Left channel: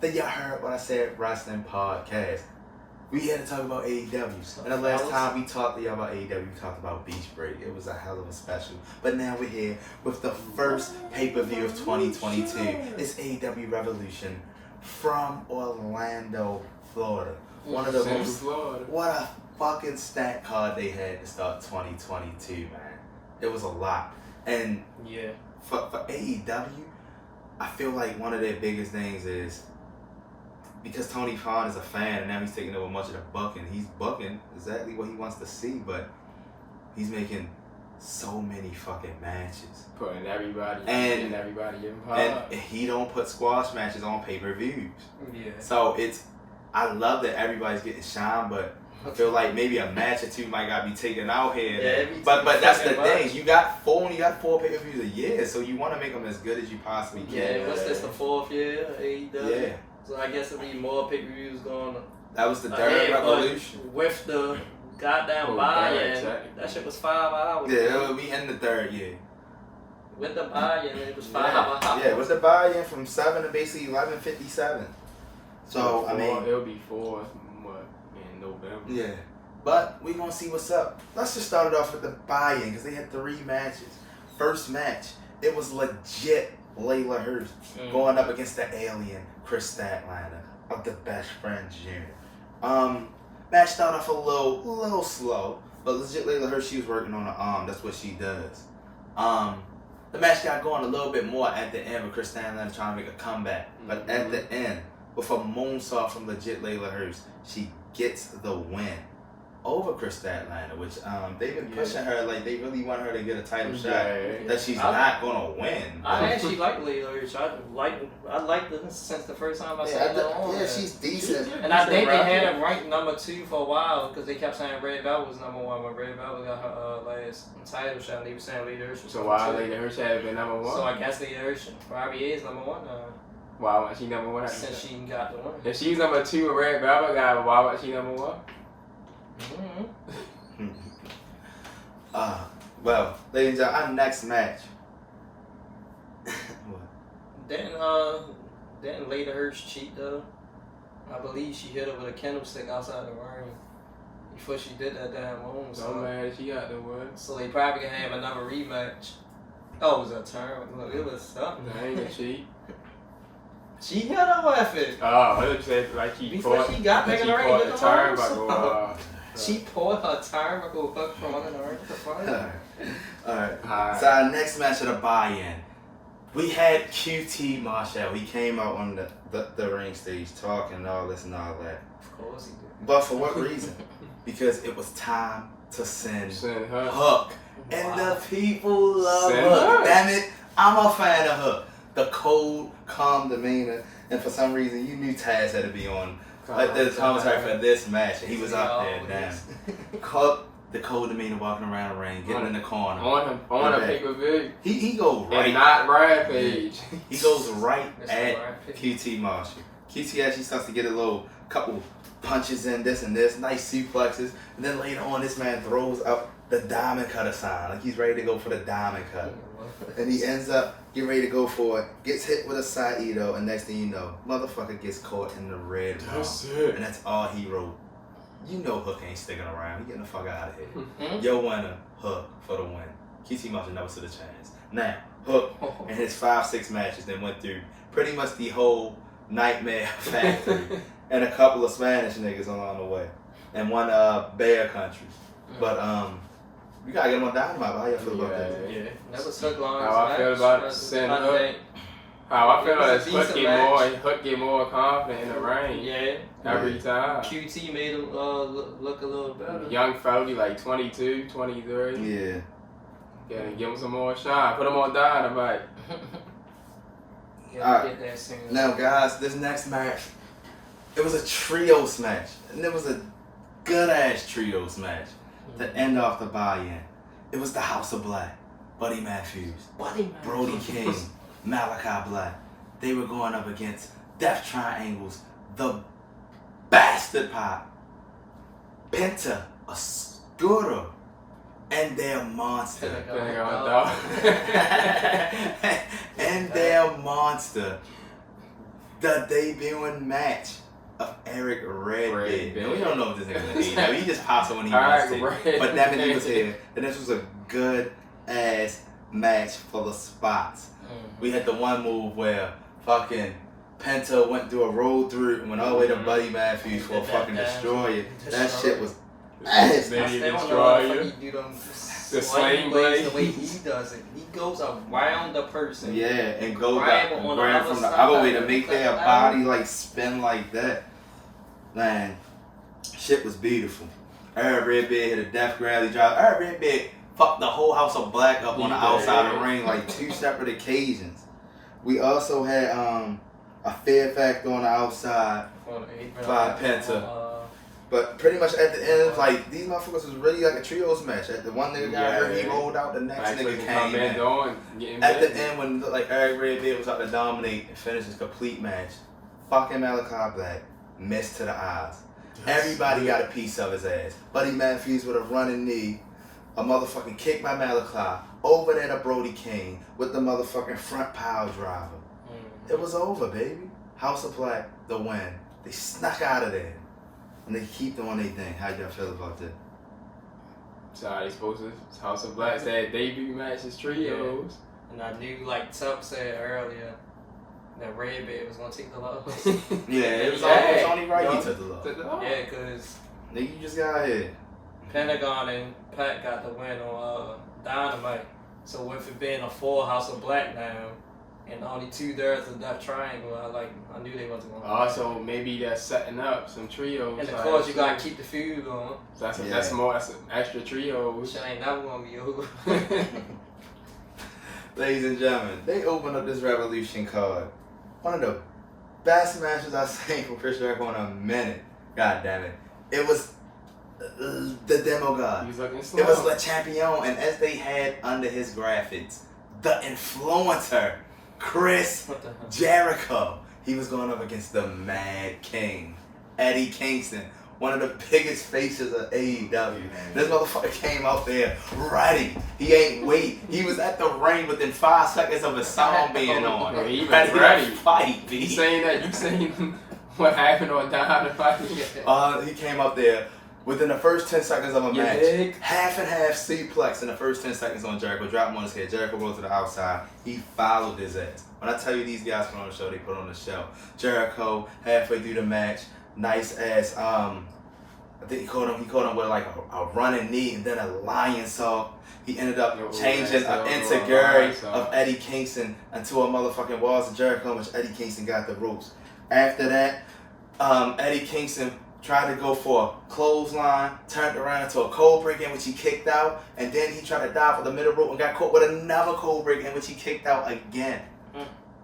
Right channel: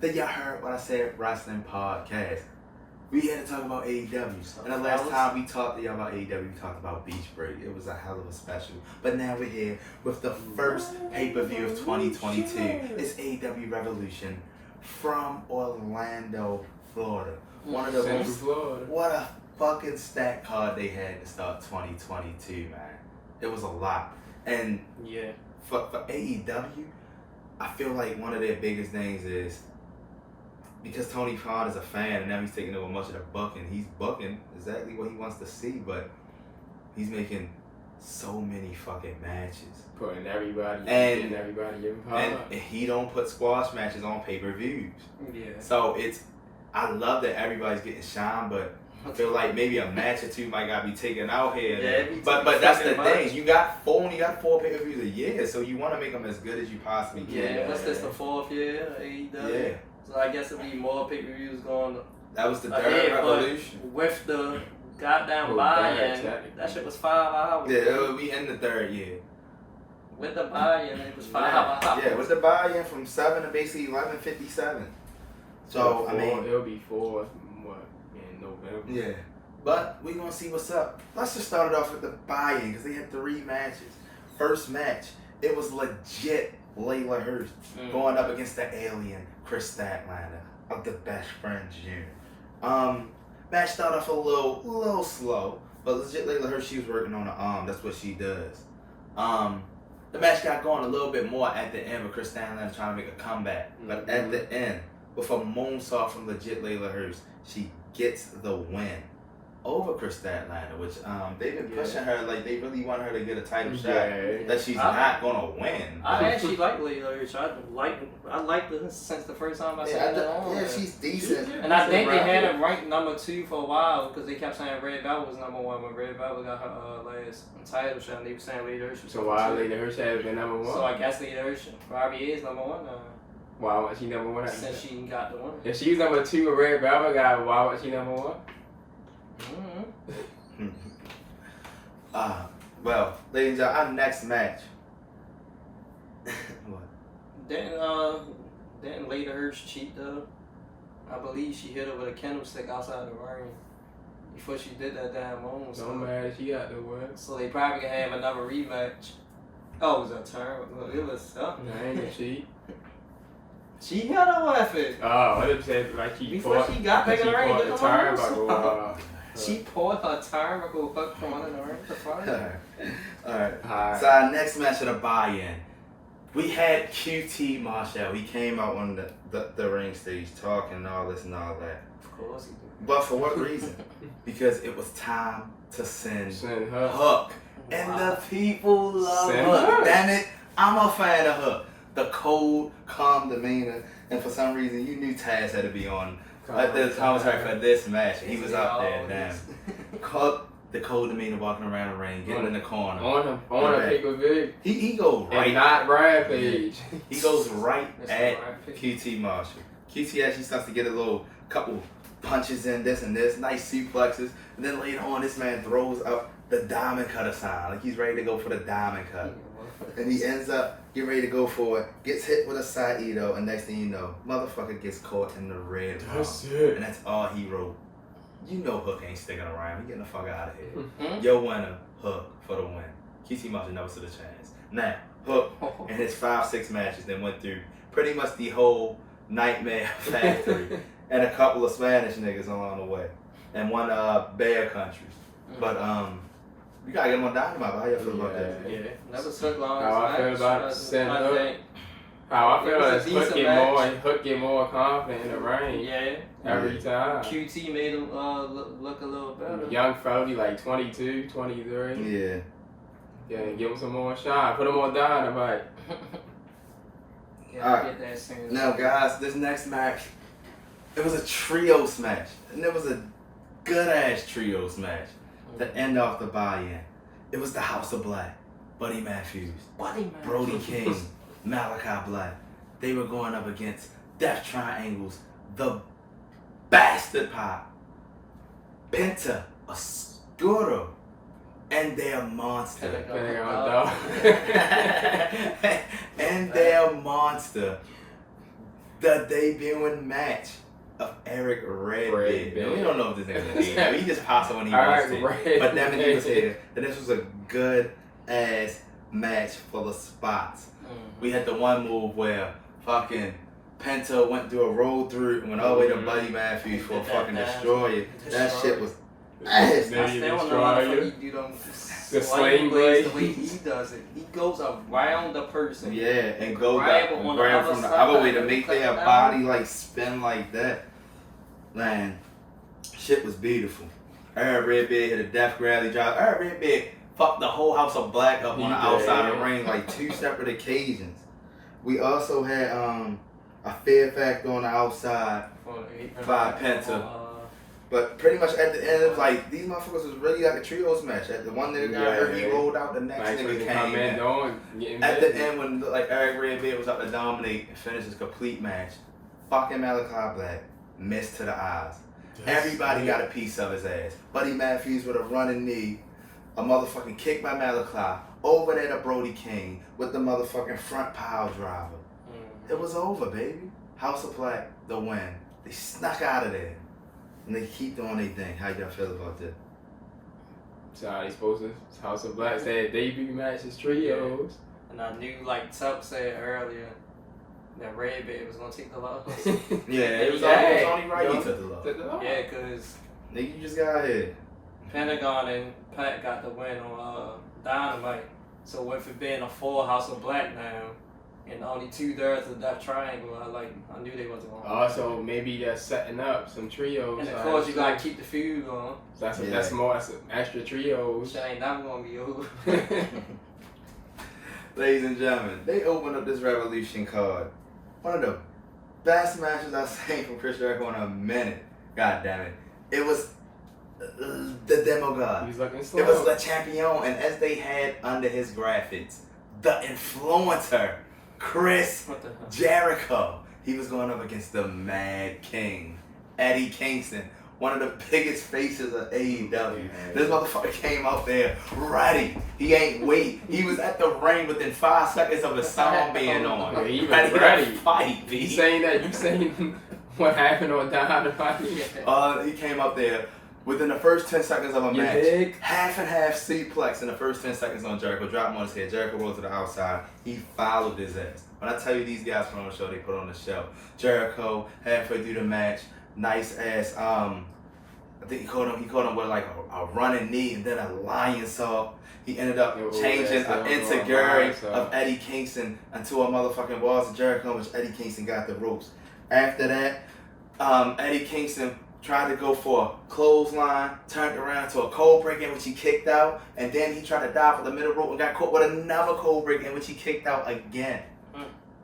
That y'all heard when I said wrestling podcast. We had to talk about AEW. And the last time we talked to y'all about AEW, we talked about Beach Break. It was a hell of a special. But now we're here with the first pay-per-view of 2022. It's AEW Revolution from Orlando, Florida. One of the most, what a fucking stacked card they had to start 2022, man. It was a lot. And yeah, for AEW, I feel like one of their biggest things is because Tony Khan is a fan and now he's taking over much of the booking. He's booking exactly what he wants to see, but he's making so many fucking matches. Putting everybody in power. And he don't put squash matches on pay-per-views. Yeah. So I love that everybody's getting shine, but I feel like maybe a match or two might gotta be taken out here. Yeah, but that's the thing. You got four pay-per-views a year, so you want to make them as good as you possibly can. Yeah, what's this, the fourth year of AEW? Yeah. So I guess it'll be more pay-per-views going. That was the third Revolution. With the goddamn buy-in, that shit was 5 hours. Yeah, we in the third year. With the buy-in, it was 5 hours. Yeah, with the buy-in from 7 to basically 11:57. So I mean, it'll be 4 in November. Yeah, but we gonna see what's up. Let's just start it off with the buy-in because they had 3 matches. First match, it was legit Layla Hurst going up against the alien Chris Statlander of the Best Friends unit. Match started off a little slow, but legit Layla Hurst, she was working on the arm. That's what she does. The match got going a little bit more at the end with Chris Statlander trying to make a comeback, but at the end, with a moonsault from legit Layla Hurst, she gets the win over Chris Statlander, which they've been pushing her like they really want her to get a title shot that she's not gonna win. I actually like Layla Hurst. I liked her since the first time I saw her. Yeah, she's decent. And I think they had her ranked number 2 for a while because they kept saying Red Velvet was number 1, but Red Velvet got her last title shot, and they were saying Layla Hurst was so why Layla Hurst had been number 1? So I guess Layla Hurst probably is number 1 now. Why was she number 1? Since she got the one. If she's number 2 with Red Velvet guy, why was she number 1? Well, ladies and gentlemen, our next match. What? Didn't Layla Hurst cheat though? I believe she hit her with a candlestick outside the ring before she did that damn moment. So mad she got the word. So they probably can have another rematch. Oh, it was a turn. Look, it was something. I ain't a cheat. She had a weapon. Oh, I would say like she before she got back in the ring. She pulled her turnbuckle hook from under the ring. Alright. So our next match of the buy-in, we had QT Marshall. He came out on the ring stage talking and all this and all that. Of course he did. But for what reason? Because it was time to send Hook. And the people love Hook. Damn it, I'm a fan of Hook. The cold, calm demeanor, and for some reason you knew Taz had to be on like the commentary for this match, and he was up there. Damn, Hook, the cold demeanor, walking around the ring, getting in the corner. On a pay-per-view. He goes right. And not Rampage. He goes right at QT Marshall. QT actually starts to get a couple punches in, this and this, nice suplexes, and then later on, this man throws up the diamond cutter sign, like he's ready to go for the diamond cutter. And he ends up getting ready to go for it, gets hit with a Saito, and next thing you know, motherfucker gets caught in the red palm. And that's all he wrote. You know Hook ain't sticking around. He getting the fuck out of here. Your winner, Hook, for the win. QT Marshall never stood a chance. Now, Hook, in his 5-6 matches, then went through pretty much the whole Nightmare Factory and a couple of Spanish niggas along the way. And one Bear Country. But, we gotta get him on Dynamite. How y'all feel about that? Yeah, that was Hook long. How I feel about sending Hook. How I feel about Hook get more confident in the ring. Yeah. Every time. QT made him look a little better. Young Foley, like 22, 23. Yeah. Yeah, give him some more shine. Put him on Dynamite. Get that now, guys, this next match, it was a trios match. And it was a good ass trios match to end off the buy-in. It was the House of Black, Buddy Matthews, Brody King, Malachi Black. They were going up against Death Triangles, the Bastard Pop, Penta, Oscuro, and their monster. And their monster. The debuting match of Eric Redbeard. We don't know if this nigga's an AEW. He just pops up when he wants to. But that meant he was here. And this was a good ass match full of spots. We had the one move where fucking Penta went through a roll through and went all the way to Buddy Matthews for a fucking destroyer. That shit was ass. I still don't know how the fuck he do them sling blades the way he does it. He goes around the person. Yeah, and goes up and grab from the other way to make their body like spin like that. Man, shit was beautiful. Eric Redbeard hit a death grab. He dropped. Eric Redbeard fucked the whole House of Black up on the outside of the ring like 2 separate occasions. We also had a Fear Factor on the outside by Penta. But pretty much at the end, like, these motherfuckers was really like a trios match. At the one nigga got hurt, he rolled out, the next nigga came in. At the end, when like Eric Redbeard was out to dominate and finish his complete match, fucking Malachi Black missed to the eyes. Everybody got a piece of his ass. Buddy Matthews with a running knee, a motherfucking kick by Malachi, over there to Brody King with the motherfucking front pile driver. It was over, baby. House of Black, the win. They snuck out of there. And they keep doing their thing. How y'all feel about that? So they supposed to House of Black said debut matches trios. Yeah. And I knew, like Tuck said earlier, that Redbeard was gonna take the loss. Yeah, it was only right he took the loss. Yeah, cause nigga, you just got here. Pentagon and Pat got the win on Dynamite. So with it being a full House of Black now, and only 2/3 of that triangle, I knew they wasn't going to also, maybe that's setting up some trios. And of course, you got to keep the feud going. So that's an extra trios. Shit ain't never going to be over. Ladies and gentlemen, they opened up this Revolution card. One of the best matches I've seen from Chris Jericho in a minute. God damn it. It was the Demo God. He was looking slow. It was Le Champion, and as they had under his graphics, the Influencer, Chris Jericho. He was going up against the Mad King, Eddie Kingston, one of the biggest faces of AEW. This motherfucker came out there ready. He ain't wait. He was at the ring within 5 seconds of his song being on. He was ready to fight, B. You saying what happened on Dynamite? He came up there within the first 10 seconds of a match. Half and half suplex in the first 10 seconds on Jericho. Drop him on his head. Jericho rolled to the outside. He followed his ass. When I tell you these guys put on the show, they put on the show. Jericho, halfway through the match, nice ass, I think he caught him with like a running knee and then a lion saw. He ended up changing an insecurity of Eddie Kingston into a motherfucking Walls of Jericho, which Eddie Kingston got the ropes. After that, Eddie Kingston tried to go for a clothesline, turned around into a cold break in which he kicked out, and then he tried to dive for the middle rope and got caught with another cold break in which he kicked out again.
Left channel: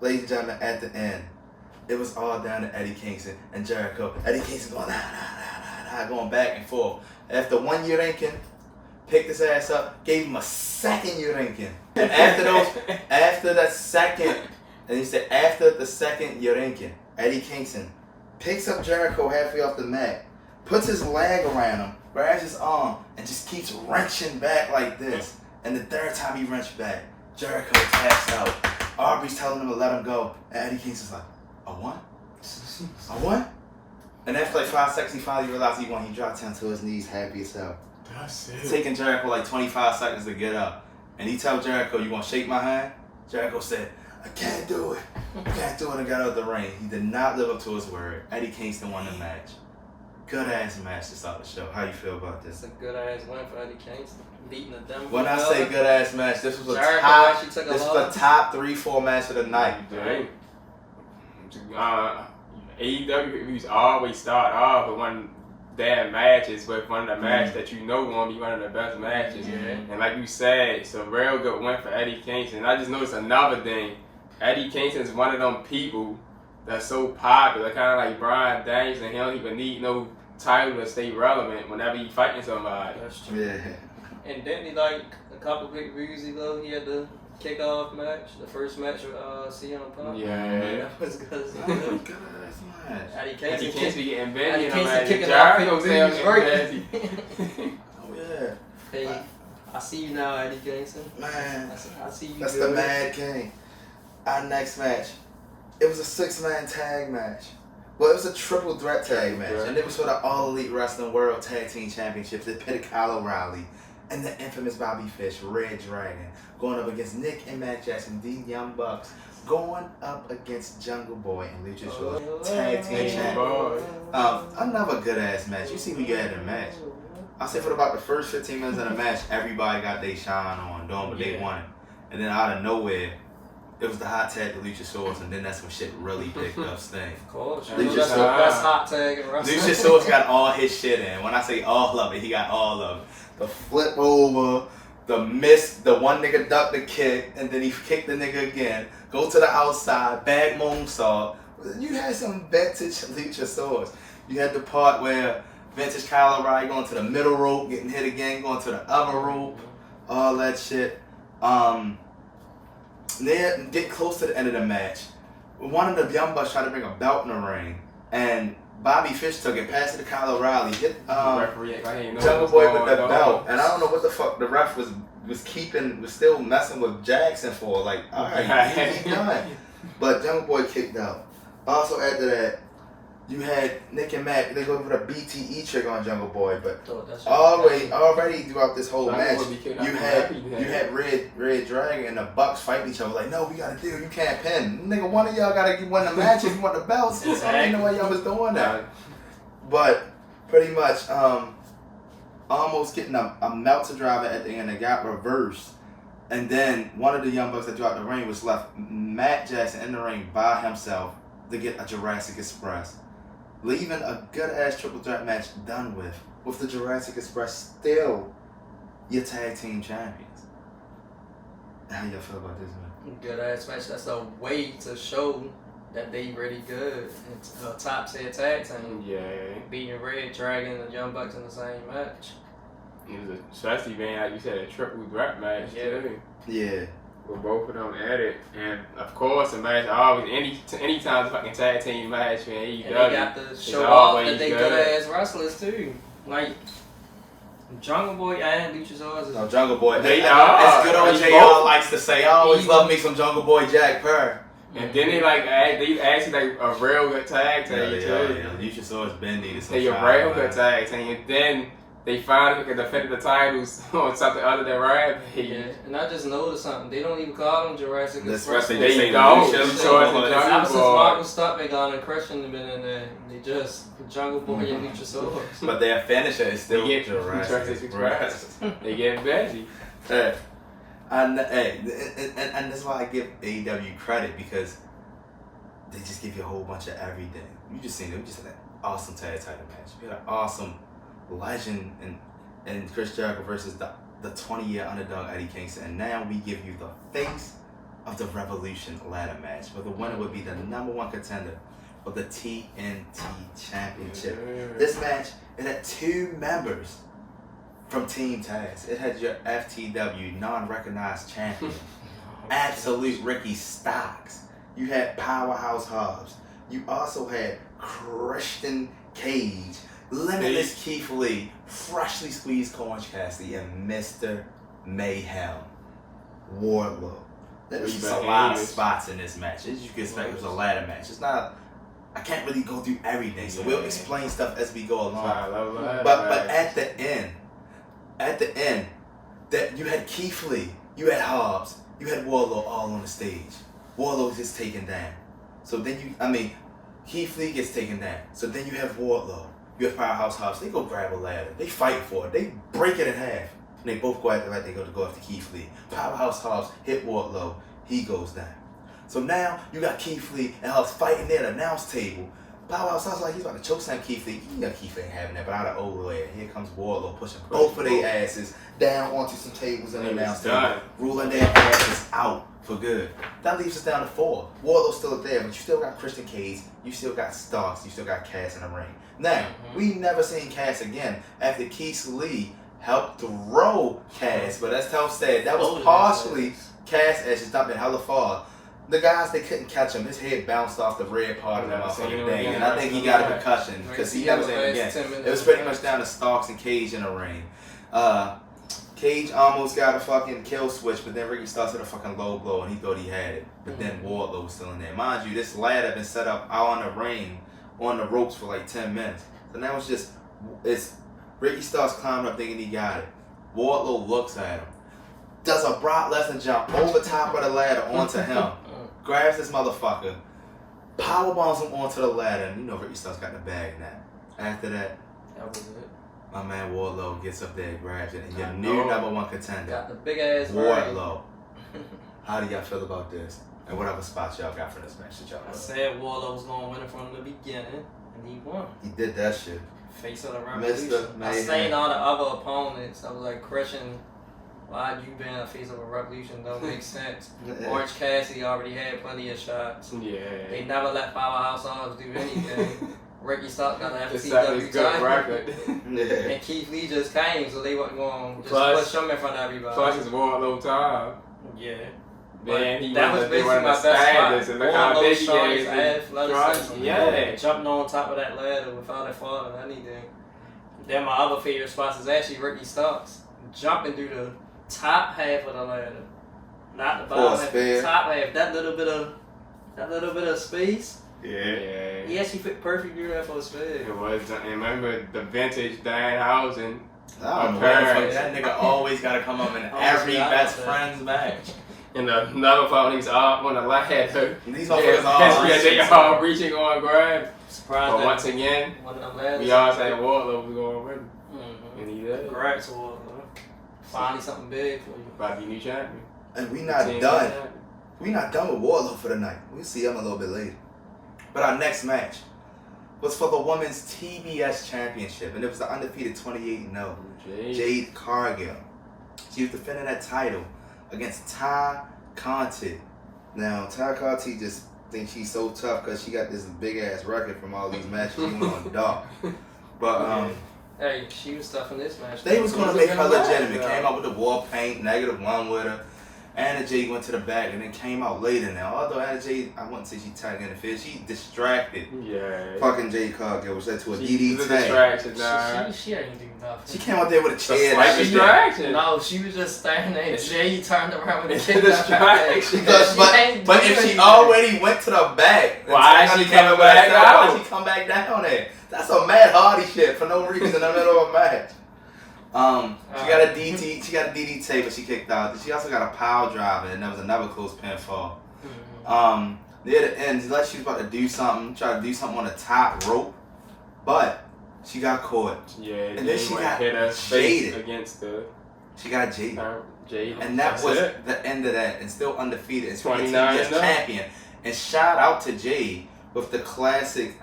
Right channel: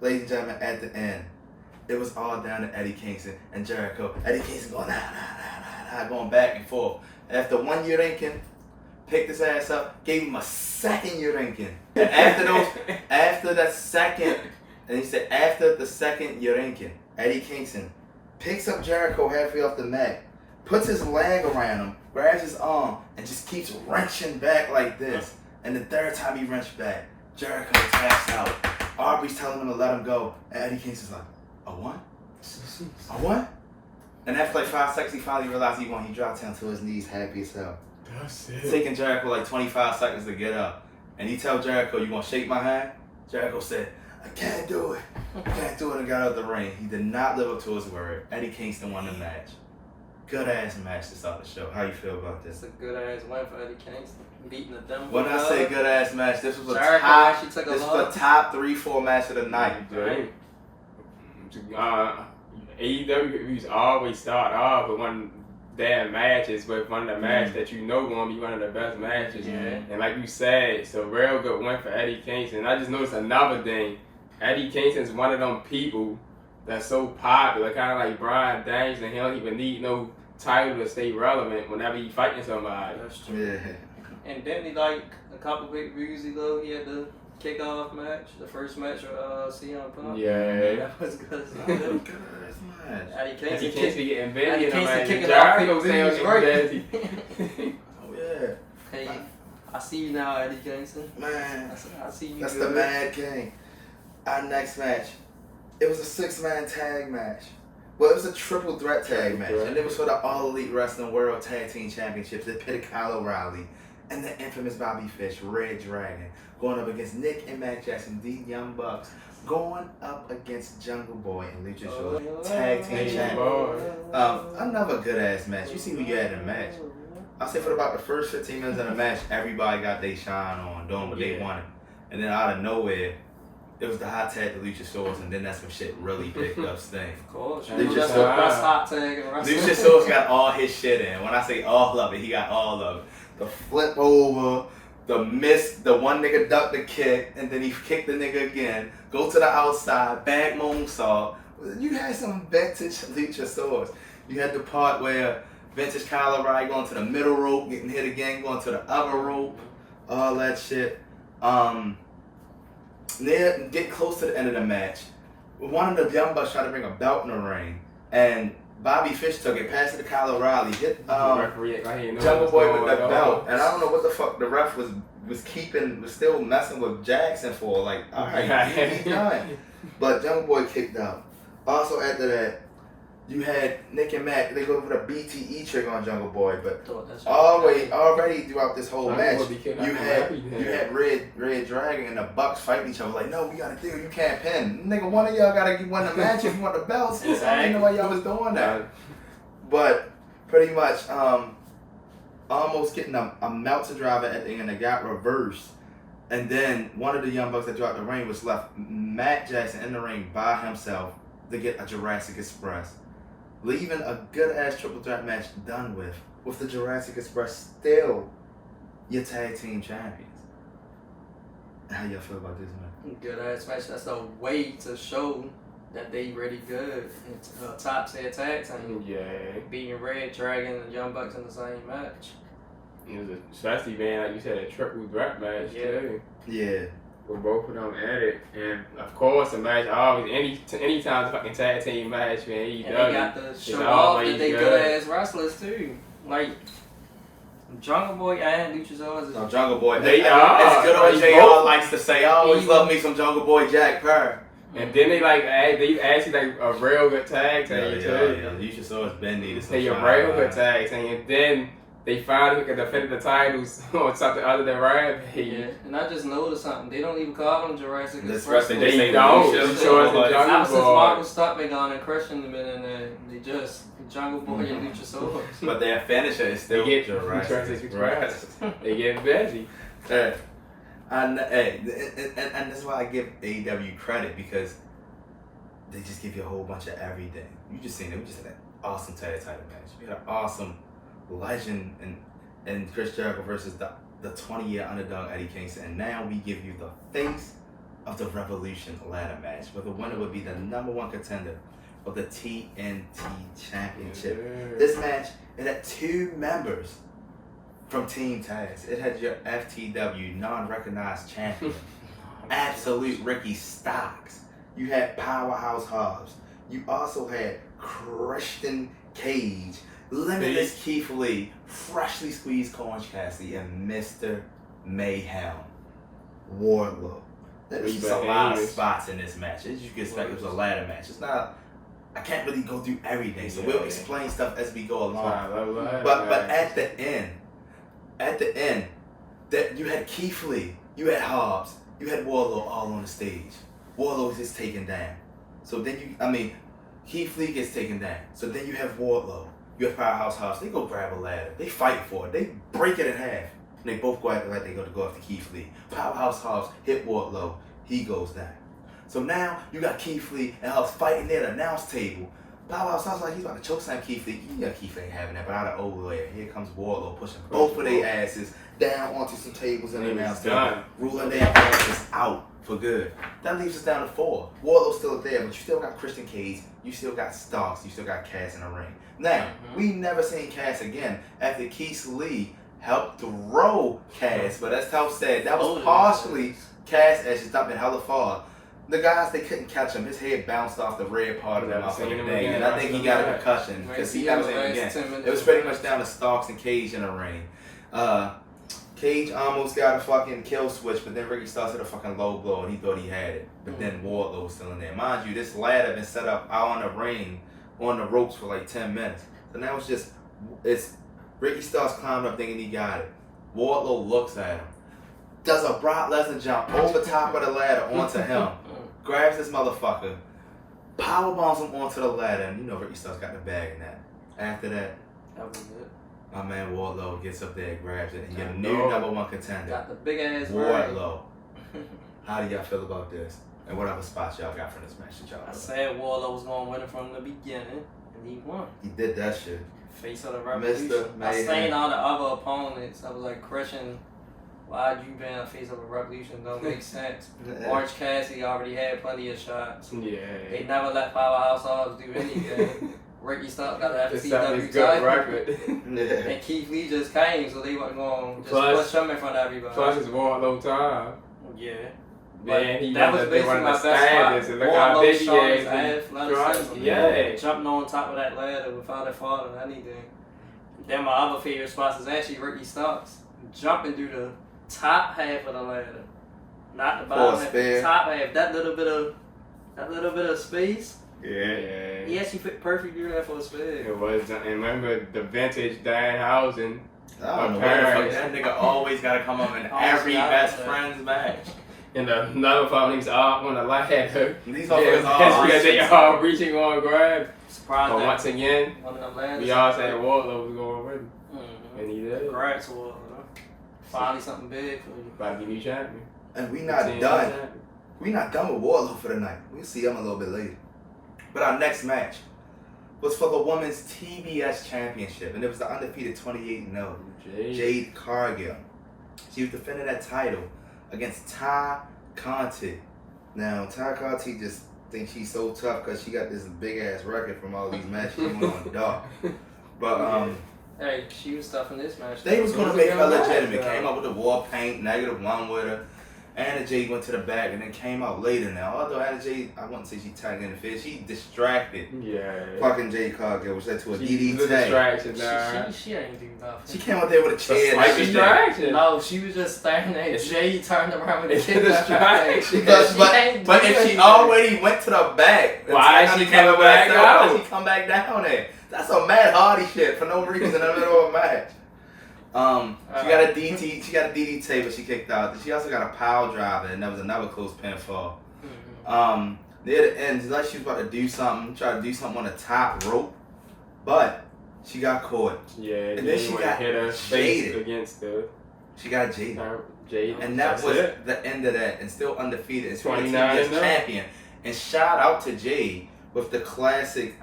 Ladies and gentlemen, at the end, it was all down to Eddie Kingston and Jericho. Eddie Kingston going going back and forth. After one Urinkin, picked his ass up, gave him a second Urinkin. And after the second Urinkin, Eddie Kingston picks up Jericho halfway off the mat, puts his leg around him, grabs his arm, and just keeps wrenching back like this. And the third time he wrenched back, Jericho taps out. Aubrey's telling him to let him go. And Eddie Kingston's like, a what? A what? And after like 5 seconds, he finally realized he won. He dropped down to his knees, happy as hell. That's it. It's taking Jericho like 25 seconds to get up. And he tells Jericho, you gonna shake my hand? Jericho said, I can't do it. I can't do it, and got out of the ring. He did not live up to his word. Eddie Kingston won the match. Good ass match to start the show. How you feel about this? It's a good ass win for Eddie Kingston. Beating the Denver. When I say good ass match, this was a top 3-4 match of the night. AEW used to always start off with one of their matches, with one of the matches that you know going to be one of the best matches. And like you said, it's a real good win for Eddie Kingston. I just noticed another thing. Eddie Kingston's one of them people that's so popular, kind of like Bryan Danielson. He don't even need no title to stay relevant whenever he fighting somebody. That's true. Yeah. And didn't he like a couple big reviews ago? He had the kickoff match, the first match with CM Punk. Yeah. That was good. That was a good ass match. Eddie Eddie Kingston Kingston getting bent. Eddie in the Kingston match. kicking off Jericho reviews, saying right? Oh yeah. Hey, I see you now, Eddie Kingston. Man, I see you. that's good. the Mad King. Our next match, it was a 6-man tag match. Well, it was a triple threat tag match, and it was for the All Elite Wrestling World Tag Team Championships. It pitted Kyle O'Reilly and the infamous Bobby Fish, reDRagon, going up against Nick and Matt Jackson, the Young Bucks, going up against Jungle Boy and Luchasaurus, Tag Team Champions. Another good ass match. You see who you had in the match. I'll say for about the first 15 minutes of the match, everybody got their shine on, doing what they wanted. And then out of nowhere, it was the hot tag to Luchasaurus, and then that's when shit really picked up steam. Of course. Luchasaurus- That's the best hot tag in wrestling. Luchasaurus got all his shit in. When I say all of it, he got all of it. The flip over, the miss, the one nigga ducked the kick, and then he kicked the nigga again. Go to the outside, bag moonsault. You had some vintage Luchasaurus. You had the part where vintage Kyle O'Reilly going to the middle rope, getting hit again, going to the other rope, all that shit. Then get close to the end of the match. One of the Young Bucks tried to bring a belt in the ring, and Bobby Fish took it, passed it to Kyle O'Reilly, hit Jungle Boy with the belt, and I don't know what the fuck the ref was still messing with Jackson for. Like, all right, he done. But Jungle Boy kicked out. Also after that, you had Nick and Matt. They go for the BTE trigger on Jungle Boy, but already throughout this whole match, you had reDRagon and the Bucks fighting each other. Like, no, we got a deal. You can't pin. Nigga, one of y'all gotta win the match if you want the belts. I didn't know why y'all was doing that. But pretty much, almost getting a Meltzer driver at the end that got reversed. And then one of the Young Bucks that dropped the ring was left Matt Jackson in the ring by himself to get a Jurassic Express. Leaving a good-ass triple threat match done with the Jurassic Express still your tag team champions. How y'all feel about this, man? Good ass match. That's a way to show that they really good. It's a top tier tag team. Yeah. Beating reDRagon and Young Bucks in the same match. It was especially, man, like you said, a triple threat match too. Yeah. With both of them at it, and of course, a match always anytime a fucking tag team match in AEW. And they got to show off that they good ass wrestlers too. Like Jungle Boy and Luchasaurus. No, Jungle Boy. They as good old JR likes to say, I always love me some Jungle Boy Jack Perr. And then they actually like a real good tag team too. Yeah, Luchasaurus been needed some They a real good tag team, and then they finally defended the titles on something other than Rampage. Yeah, and I just noticed something. They don't even call them Jurassic Express. They say don't. Ever since Martin Stuntman gone and Christian have been in there, they just Jungle Boy and Luchasaurus. But their finisher is still Jurassic Express. They get veggie. And that's why I give AEW credit, because they just give you a whole bunch of everything. You just seen it. We just had an awesome tag title match. We had an awesome legend and Chris Jericho versus the 20-year underdog Eddie Kingston, and now we give you the face of the Revolution ladder match, where the winner would be the #1 contender for the TNT Championship. This match, it had 2 members from Team Taz. It had your FTW non-recognized champion, Absolute Ricky Starks. You had Powerhouse Hobbs. You also had Christian Cage, Limitless Keith Lee, Freshly Squeezed Orange Cassidy, and Mr. Mayhem Wardlow. There's just a lot of spots in this match. As you can expect, it was a ladder match. It's not, I can't really go through everything, so we'll explain stuff as we go along. But at the end, that you had Keith Lee, you had Hobbs, you had Wardlow all on the stage. Wardlow gets taken down. So then Keith Lee gets taken down. So then you have Wardlow. You have Powerhouse Hobbs. They go grab a ladder. They fight for it. They break it in half. And they both go after they go after Keith Lee. Powerhouse Hobbs hit Wardlow. He goes down. So now you got Keith Lee and Hobbs fighting near the announce table. Bow Wow sounds like he's about to choke slam Keith Lee. Yeah, Keith ain't having that, but out of old way, here comes Wardlow pushing both of their asses down onto some tables in the announce table, ruling their asses out for good. That leaves us down to 4. Wardlow's still there, but you still got Christian Cage, you still got Starks, you still got Cass in the ring. Now, we never seen Cass again after Keith Lee helped throw Cass, but as Tom said, that was partially Cass as she stopped in hella far. The guys, they couldn't catch him. His head bounced off the red part of the motherfucking thing, and I think he got a concussion because he never seen him again. It was pretty much down to Starks and Cage in the ring. Cage almost got a fucking kill switch, but then Ricky Starks hit a fucking low blow, and he thought he had it. But then Wardlow was still in there. Mind you, this ladder been set up out on the ring, on the ropes for like 10 minutes. So now it's Ricky Starks climbing up thinking he got it. Wardlow looks at him, does a Brock Lesnar jump over top of the ladder onto him, grabs this motherfucker, powerbombs him onto the ladder, and you know Ricky Starks got the bag in that. After that was it. My man Wardlow gets up there, grabs it, and your new #1 contender, got the big ass Wardlow. How do y'all feel about this? And what other spots y'all got for this match that y'all I said Wardlow was going to win it from the beginning, and he won. He did that shit. Face of the Revolution. I seen all the other opponents. I was like, Christian, why'd you been a face of a Revolution? Don't make sense. Orange Cassidy already had plenty of shots. Yeah. They never let Powerhouse Hobbs do anything. Ricky Starks got the It's FCW good title. record. And Keith Lee just came, so they wasn't going to just push him in front of everybody. Plus it's Wardlow time. Yeah. Man, that was basically my best spot. Wardlow's strongest athleticism. Yeah. Jumping on top of that ladder without it falling or anything. Then my other favorite spots is actually Ricky Starks jumping through the top half of the ladder, not the bottom half, the top half. That little bit of space. Yeah. He actually fit perfect through that for a spin. It was. And remember the vintage Danhausen. I don't know why the fuck that nigga always gotta come up in every best friend's match. And another problem, he's off on the ladder. These motherfuckers they all reaching on grab. Surprised but once again, one of them ladders. we all say Wardlow was going to win. And he did. Congrats, Wardlow. Finally something big for you. About to be new champion. And we not done. We not done with Wardlow for the night. We'll see him a little bit later. But our next match was for the Women's TBS Championship, and it was the undefeated 28-0 Jade Cargill. She was defending that title against Conti. Now, Conti just thinks she's so tough because she got this big-ass record from all these matches she went on dark. But, hey, she was tough in this match. They was going to make her legitimate. Came out with the war paint, -1 with her. Anna Jade went to the back and then came out later now. Although Anna Jade, I wouldn't say she tagged in the field. She distracted fucking Jade Cargill, which led to a DDT. She ain't do nothing. She came out there with a chair. Distraction. No, she was just standing there. Jade turned around with a kick. But if she already went to the back, why she come back down? Why she come back down there? That's some Matt Hardy shit for no reason in the middle of a match. She got a DDT, but she kicked out. She also got a pile driver, and that was another close pinfall. Near the end, like she was about to do something, try to do something on the top rope, but she got caught. Yeah, and then she got hit her face against the. She got Jade. And that was the end of that, and still undefeated. And 29 TBS champion. And shout out to Jade with the classic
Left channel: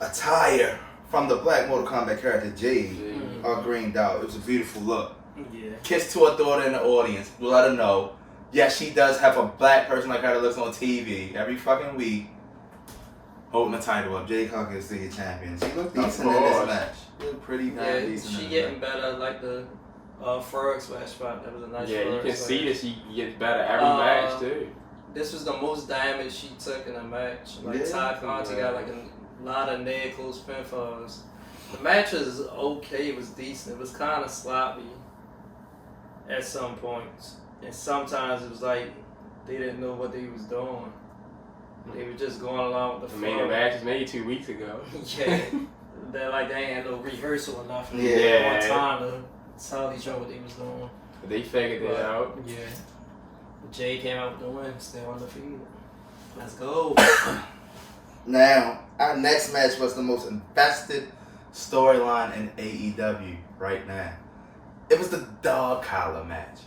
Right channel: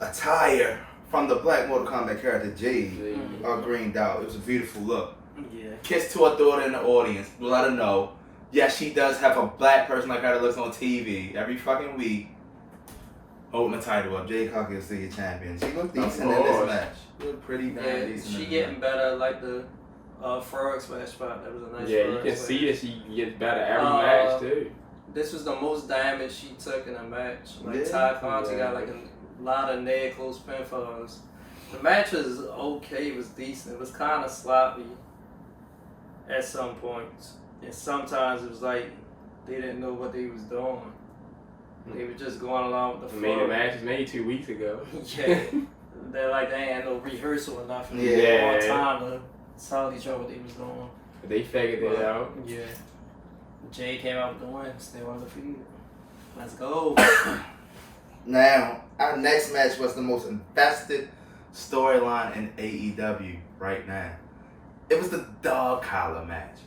attire from the Black Mortal Kombat character Jade, green dot. It was a beautiful look. Yeah. Kiss to her daughter in the audience. Let her know. Yes, she does have a black person like her that looks on TV every fucking week. Holding the title up. Jade Cargill is still your champion. She looked decent in this match. She looked pretty damn decent. She getting better, like the frog smash spot. That was a nice. Yeah, you can see that she gets better every match too. This was the most damage she took in a match. Like Conti got like a lot of near close pinfalls. The match was okay. It was decent. It was kind of sloppy at some points, and sometimes it was like they didn't know what they was doing. They were just going along with the flow. The match was made 2 weeks ago. Yeah, they ain't had no rehearsal or nothing. Yeah, more time to tell each other what they was doing. But they figured it out. Yeah. Jay came out with the win, still undefeated. Let's go. Now, our next match was the most invested storyline in AEW right now. It was the dog collar match.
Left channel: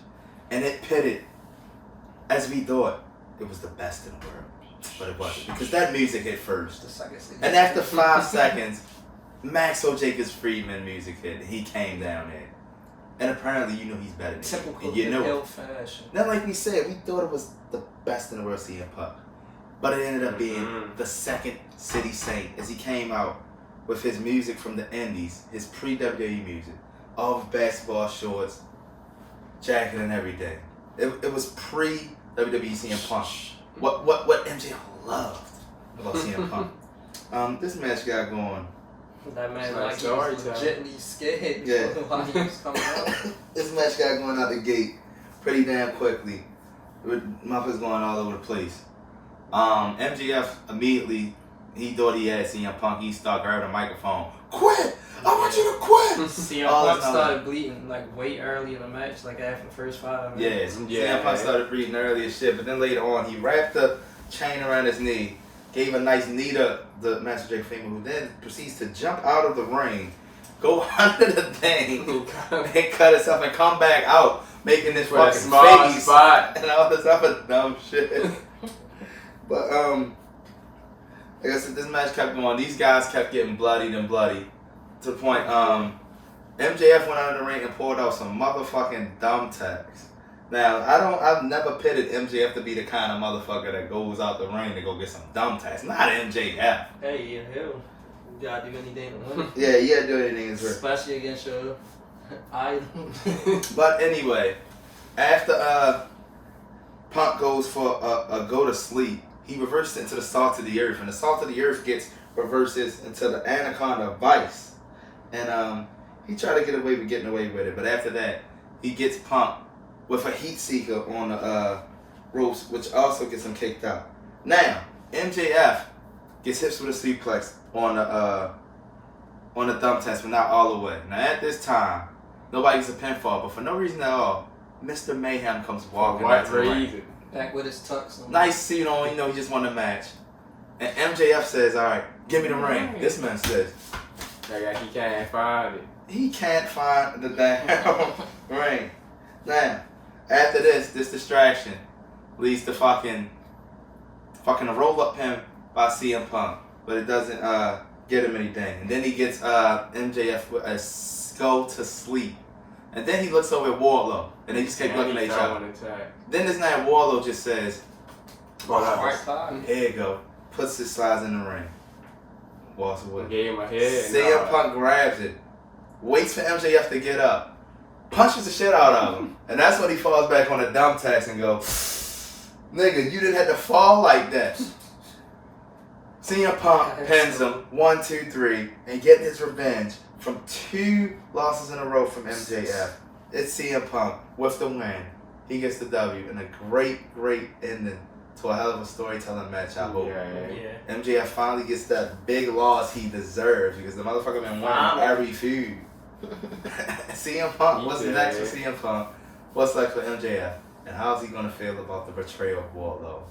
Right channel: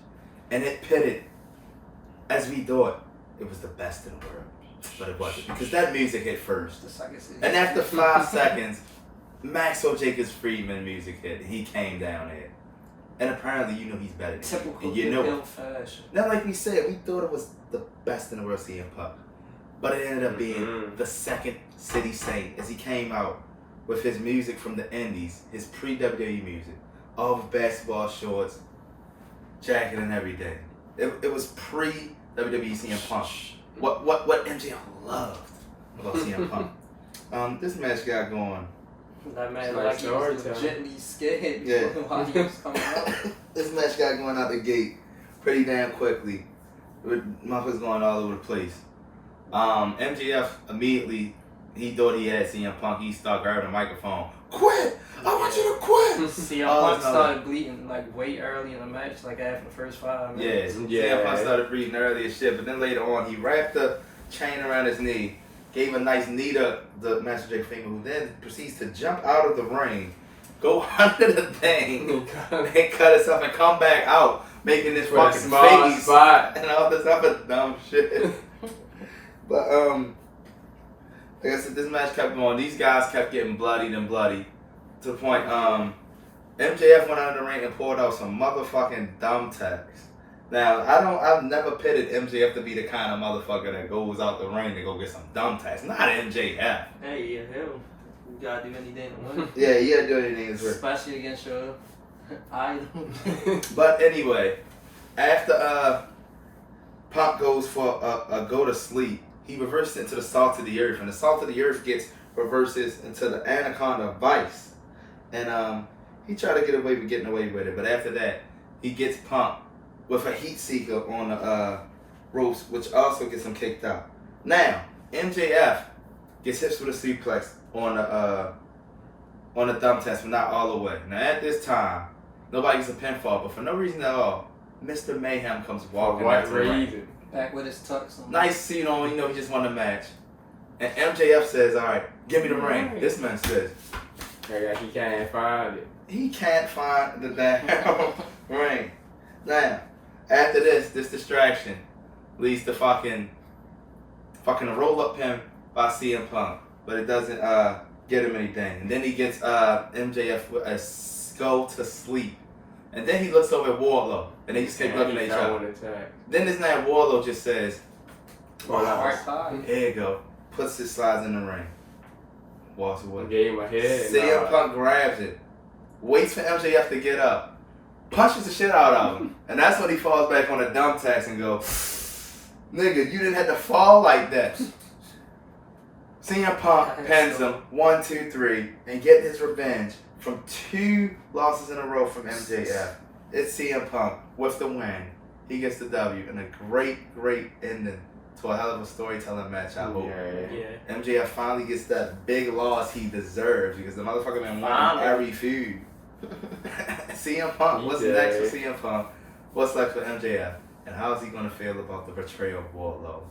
And it pitted, as we thought, it was the best in the world. but it wasn't because that music hit first. The second season. And after 5 seconds, Maxwell Jacobs Friedman music hit, and he came down there. And apparently, you know he's better than typical you. You know fashion. Now, like we said, we thought it was the best in the world, CM Punk, but it ended up being the second City Saint as he came out with his music from the Indies, his pre-WWE music, all with basketball shorts, jacket, and everything. It was pre-WWE CM Punk. What MJF loved about CM Punk. This match got going. That man like he was legitimately scared while he was coming out. This match got going out the gate pretty damn quickly. Motherfuckers going all over the place. MJF immediately, he thought he had CM Punk. He started grabbing the microphone. Quit! I want you to quit! CM Punk started bleeding like way early in the match, like after the first 5 minutes. Yeah. CM Punk started bleeding early as shit, but then later on, he wrapped the chain around his knee, gave a nice knee to the Master Jake Freeman, who then proceeds to jump out of the ring, go under the thing, and cut himself and come back out, making this fucking face spot and all this other dumb shit. But like I said, this match kept going. These guys kept getting bloodied and bloody to the point MJF went under the ring and pulled out some motherfucking thumbtacks. Now, I've never pitted MJF to be the kind of motherfucker that goes out the ring to go get some thumbtacks. Not MJF. Hey, hell, you gotta do anything to win. Yeah, you gotta do anything to win. Especially against your idol. But anyway, after Punk goes for a go to sleep, he reverses into the Salt of the Earth, and the Salt of the Earth reverses into the Anaconda Vice. And he tried to get away with getting away with it, but after that, he gets Punk with a heat seeker on the ropes, which also gets him kicked out. Now, MJF gets hit with a suplex on the thumbtacks, but not all the way. Now, at this time, nobody gets a pinfall, but for no reason at all, Mr. Mayhem comes walking back to the ring. Back with his tux on. Nice suit on, he just won the match. And MJF says, all right, give me the ring. This man says, he can't find it. He can't find the damn ring. Now, after this distraction leads to fucking a roll-up pin by CM Punk. But it doesn't get him anything. And then he gets MJF with a go to sleep. And then he looks over at Wardlow. And they just keep looking at each other. Then this man Wardlow just says, here you go. Puts his slides in the ring. Walks away. Gave him a head. CM Punk grabs it. Waits for MJF to get up. Punches the shit out of him. And that's when he falls back on the thumbtacks and goes, nigga, you didn't have to fall like that. CM Punk pins him 1, 2, 3 and get his revenge from 2 losses in a row from MJF. It's CM Punk with the win. He gets the W and a great ending to a hell of a storytelling match, I hope. Yeah. MJF finally gets that big loss he deserves because the motherfucker been winning every feud. CM Punk, what's next for CM Punk? What's next for MJF? And how is he going to feel about the betrayal of Wardlow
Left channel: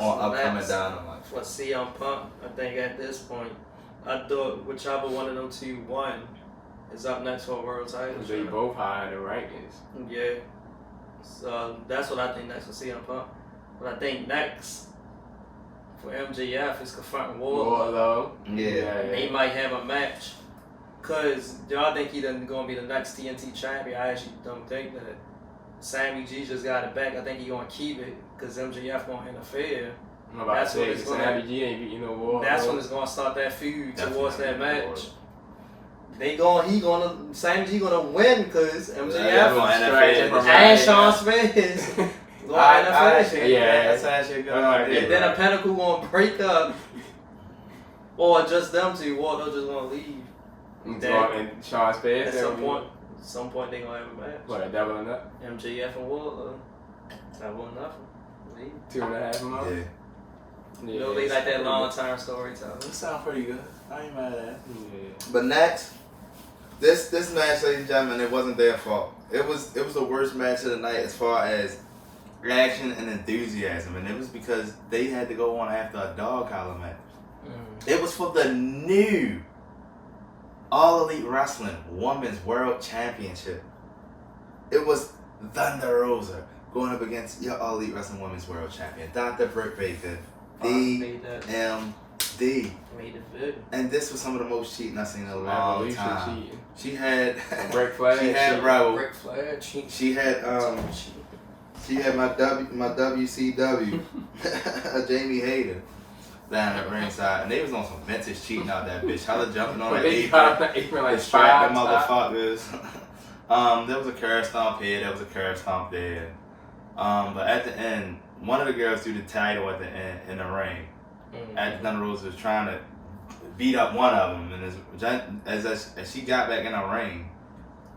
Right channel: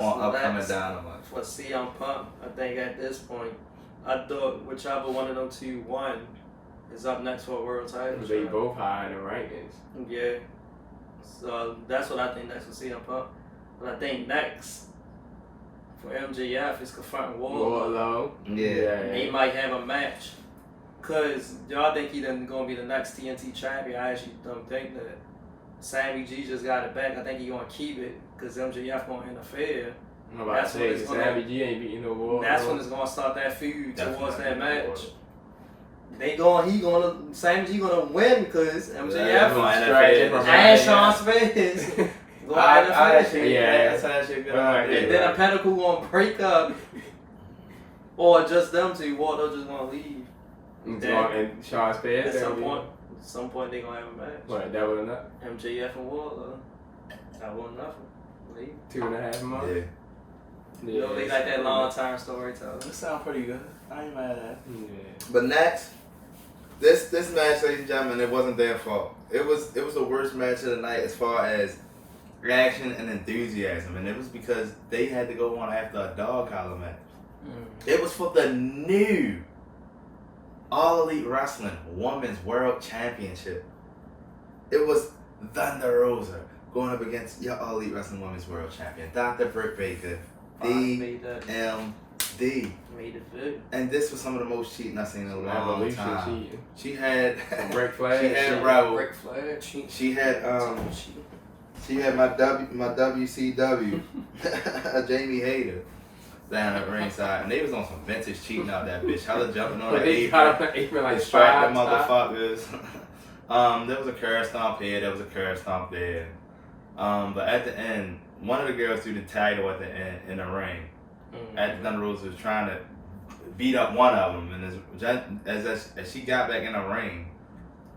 on upcoming Dynamite? For CM Punk, I think at this point, I thought whichever one of them two won is up next for a world title. They both high in the rankings. Yeah. So that's what I think next for CM Punk. But I think next for MJF is confronting Wardlow. Yeah. They might have a match. Cause y'all think he's gonna be the next TNT champion. I actually don't think that. Sammy G just got it back. I think he's gonna keep it because MJF gonna interfere. That's when it's Sammy G ain't beating no Wardlow. That's when it's gonna start that feud towards that match. Wardlow. Sammy G gonna win because MJF and Sean Spears. That's actually a good idea. And then a Pinnacle gonna break up, or just them two. Wardlow just gonna leave. And Sean Spears. At some point they gonna have a match. What, that was enough? MJF and Wardlow. That wasn't nothing. Leave. 2.5 months. Yeah. You know, they like that long-term storytelling. That sounds pretty good. I ain't mad at it. Yeah. But next, this match, ladies and gentlemen, it wasn't their fault. It was the worst match of the night as far as reaction and enthusiasm, and it was because they had to go on after a dog collar match. It was for the new All Elite Wrestling Women's World Championship. It was Thunder Rosa going up against your All Elite Wrestling Women's World Champion, Dr. Britt Baker, DMD. Made it big. And this was some of the most cheating I've seen in a long time. She had Ric Flair. She had Rebel. Ric Flair cheating. She had my WCW Jamie Hayter down at ringside, and they was on some vintage cheating out that bitch. Hella jumping on that apron, like distract the motherfuckers. There was a curb stomp here, there was a curb stomp there. But at the end, one of the girls threw the title at the end in the ring. At the Thunder Rosa was trying to beat up one of them, and as she got back in the ring,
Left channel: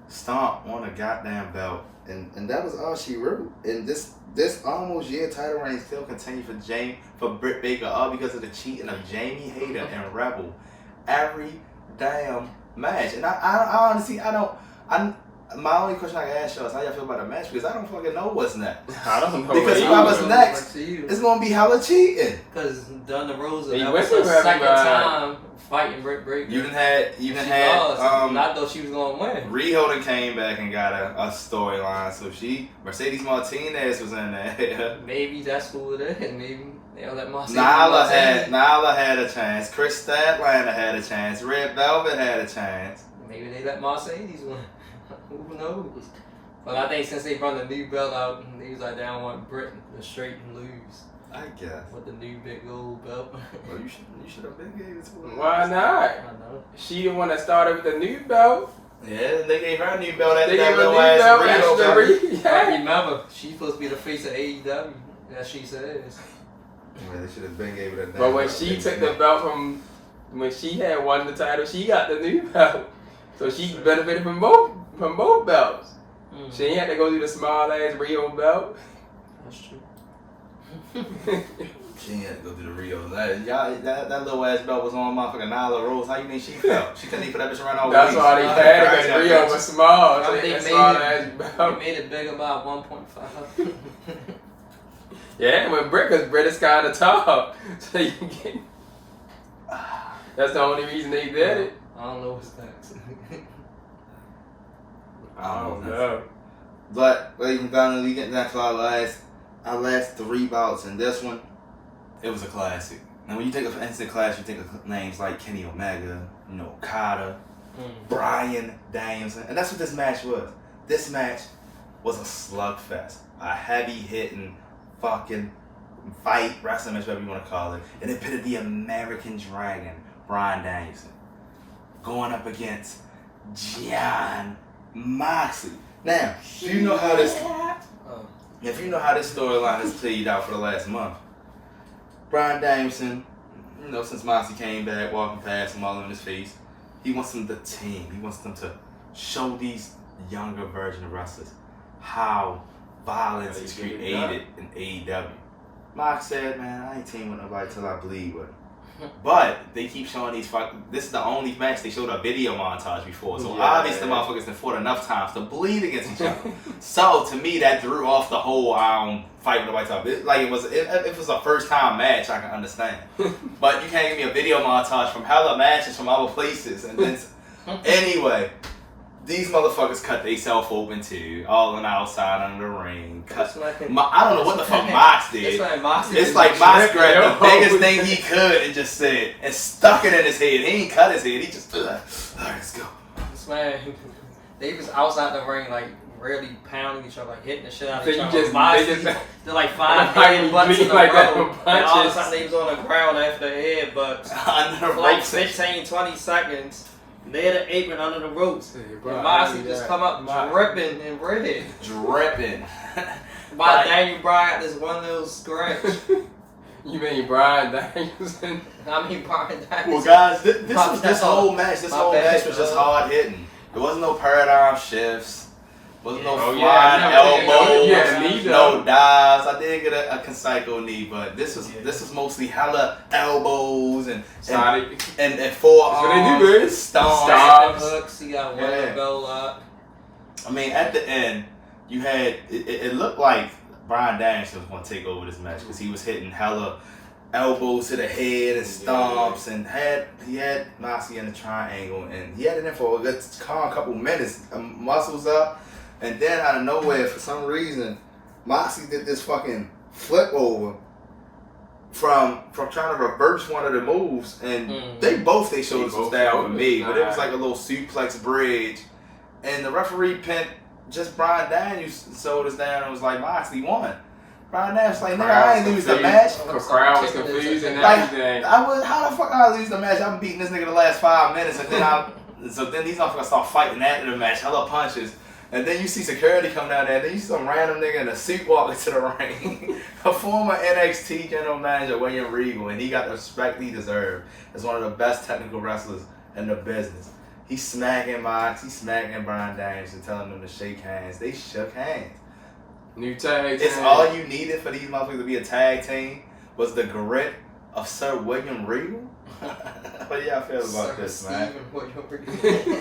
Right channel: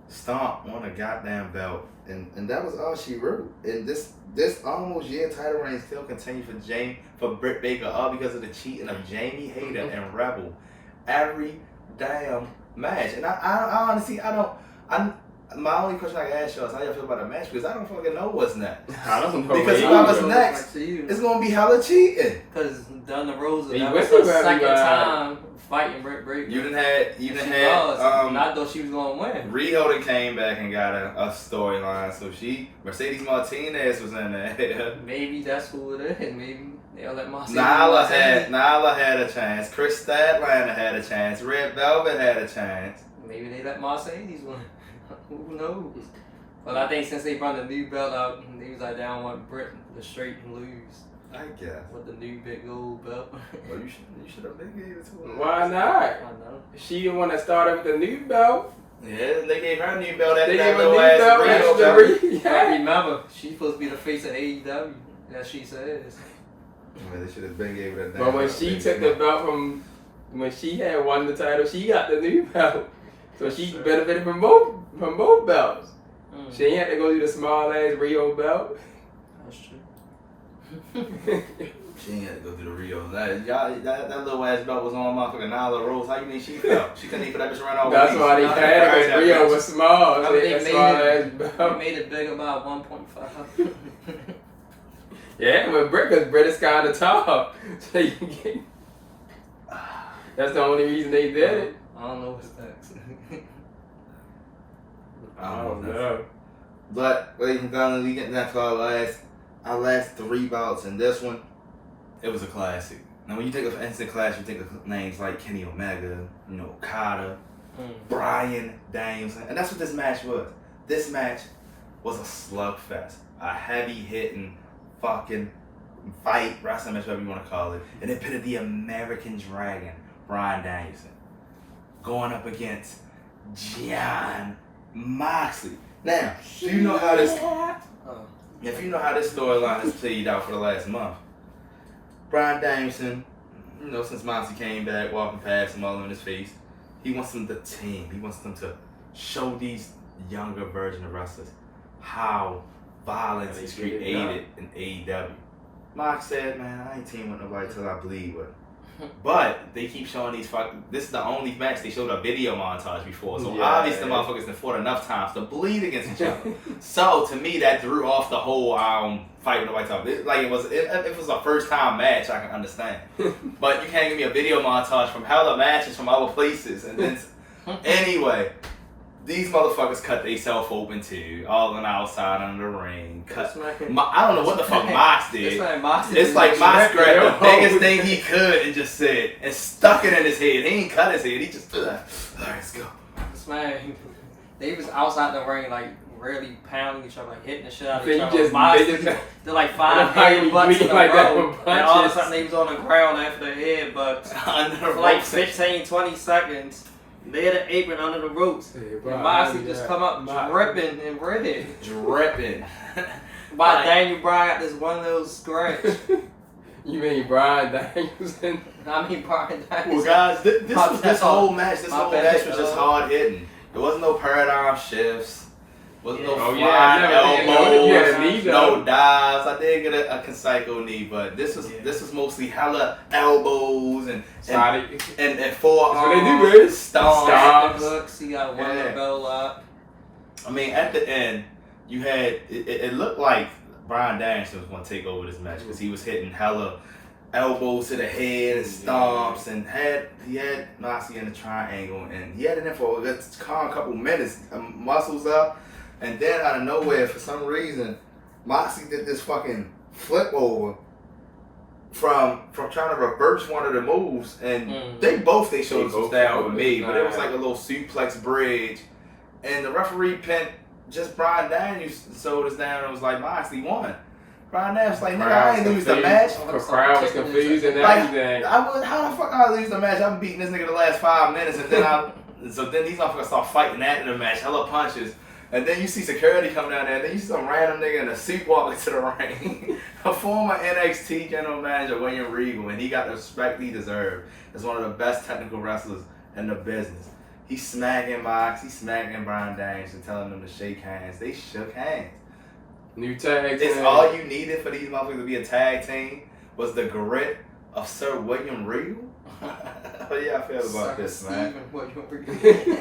stomp on a goddamn belt, and that was all she wrote. And this almost year title reign still continued for Britt Baker, all because of the cheating of Jamie Hayter and Rebel every damn match. And I honestly my only question I can ask y'all is how y'all feel about the match, because I don't fucking know what's next. I don't know. Because whoever's next, it's gonna be hella cheating. Because Thunder Rosa, that was her second time fighting Britt Baker. You done had not though she was gonna win. Riho done came back and got a storyline, so Mercedes Martinez was in there. Maybe that's who it is. Maybe they'll let Mercedes. Nyla had a chance. Chris Statlander had a chance. Red Velvet had a chance. Maybe they let Mercedes win. Who knows? But I think since they brought the new belt out, they was like, they don't want Britt to straight and lose. I guess. With the new big gold belt. Well, you should have been gave it to her. Why not? I know. She the one that started with the new belt. Yeah, they gave her a new belt. They gave her a new belt. I remember, she's supposed to be the face of AEW. As she says. Yeah, they should have been gave it a. But when she took the belt when she had won the title, she got the new belt. So she benefited from both belts. She ain't had to go through the small ass Rio belt. That's true. She ain't had to go through the Rio. That little ass belt was on motherfucking Nyla Rose. How you think she felt? She couldn't even put that bitch around all That's why they had it, because Rio was small. I mean, they made it big about 1.5. Yeah, with Britt, because Britt is kind of tall. So you get... That's the only reason they did it. I don't know what's next. I don't know. But ladies and gentlemen, we get down to our last three bouts, and this one, it was a classic. Now, when you think of instant class, you think of names like Kenny Omega, Okada, Bryan Danielson, and that's what this match was. This match was a slugfest, a heavy-hitting fucking fight, wrestling match, whatever you want to call it, and it pitted the American Dragon, Bryan Danielson, going up against Jon Moxley. Now, if you know how this storyline has played out for the last month, Bryan Danielson, since Moxley came back, walking past him all in his face, he wants them to team. He wants them to show these younger version of wrestlers how violence is created in AEW. Mox said, man, I ain't teaming with nobody till I bleed with him. But they keep showing this is the only match they showed a video montage before. So obviously the motherfuckers have fought enough times to bleed against each other. So to me that threw off the whole fight with nobody talking. If it was a first time match, I can understand. But you can't give me a video montage from hella matches from other places and then anyway. These motherfuckers cut themselves open too, all on the outside under the ring. I don't know what the fuck Mox did. It's like Mox grabbed the biggest thing he could and just said, and stuck it in his head. He ain't cut his head, he just, all right, let's go. This man, they was outside the ring, like, really pounding each other, like, hitting the shit out of each other. They're like 5 headbutts in a row. And all of a sudden they was on the ground after the headbutts. For like 15, 20 seconds. They had an apron under the ropes. And Moxley just come up dripping and red. Dripping. By Daniel Bryan, this one little scratch. You mean Bryan Danielson? I mean Bryan Danielson. Well, guys, this whole match was just hard hitting. There wasn't no paradigm shifts. Wasn't no flying elbows, no dives. I did get a Conseco knee, but this was mostly hella elbows and forearms, stomps, hooks. He got one bell up. I mean, at the end, you had it looked like Bryan Danielson was going to take over this match because he was hitting hella elbows to the head and stomps, and he had Moxley in the triangle, and he had it in for a couple minutes, muscles up. And then out of nowhere, for some reason, Moxley did this fucking flip over from trying to reverse one of the moves, and they showed some style with me, but it was like a little suplex bridge, and the referee pinned just Bryan Danielson, sold us down and was like, Moxley won. Bryan Danielson was like, nigga, I ain't lose the match. The crowd was confused and everything. How the fuck I lose the match? I've been beating this nigga the last 5 minutes, and then these motherfuckers start fighting after the match, hella punches. And then you see security coming down there, and then you see some random nigga in a suit walking to the ring. A former NXT general manager, William Regal, and he got the respect he deserved as one of the best technical wrestlers in the business. He's smacking Mox, he's smacking Bryan Danielson, telling them to shake hands. They shook hands. New tag team. It's all you needed for these motherfuckers to be a tag team was the grit of Sir William Regal. How do y'all feel about this, man?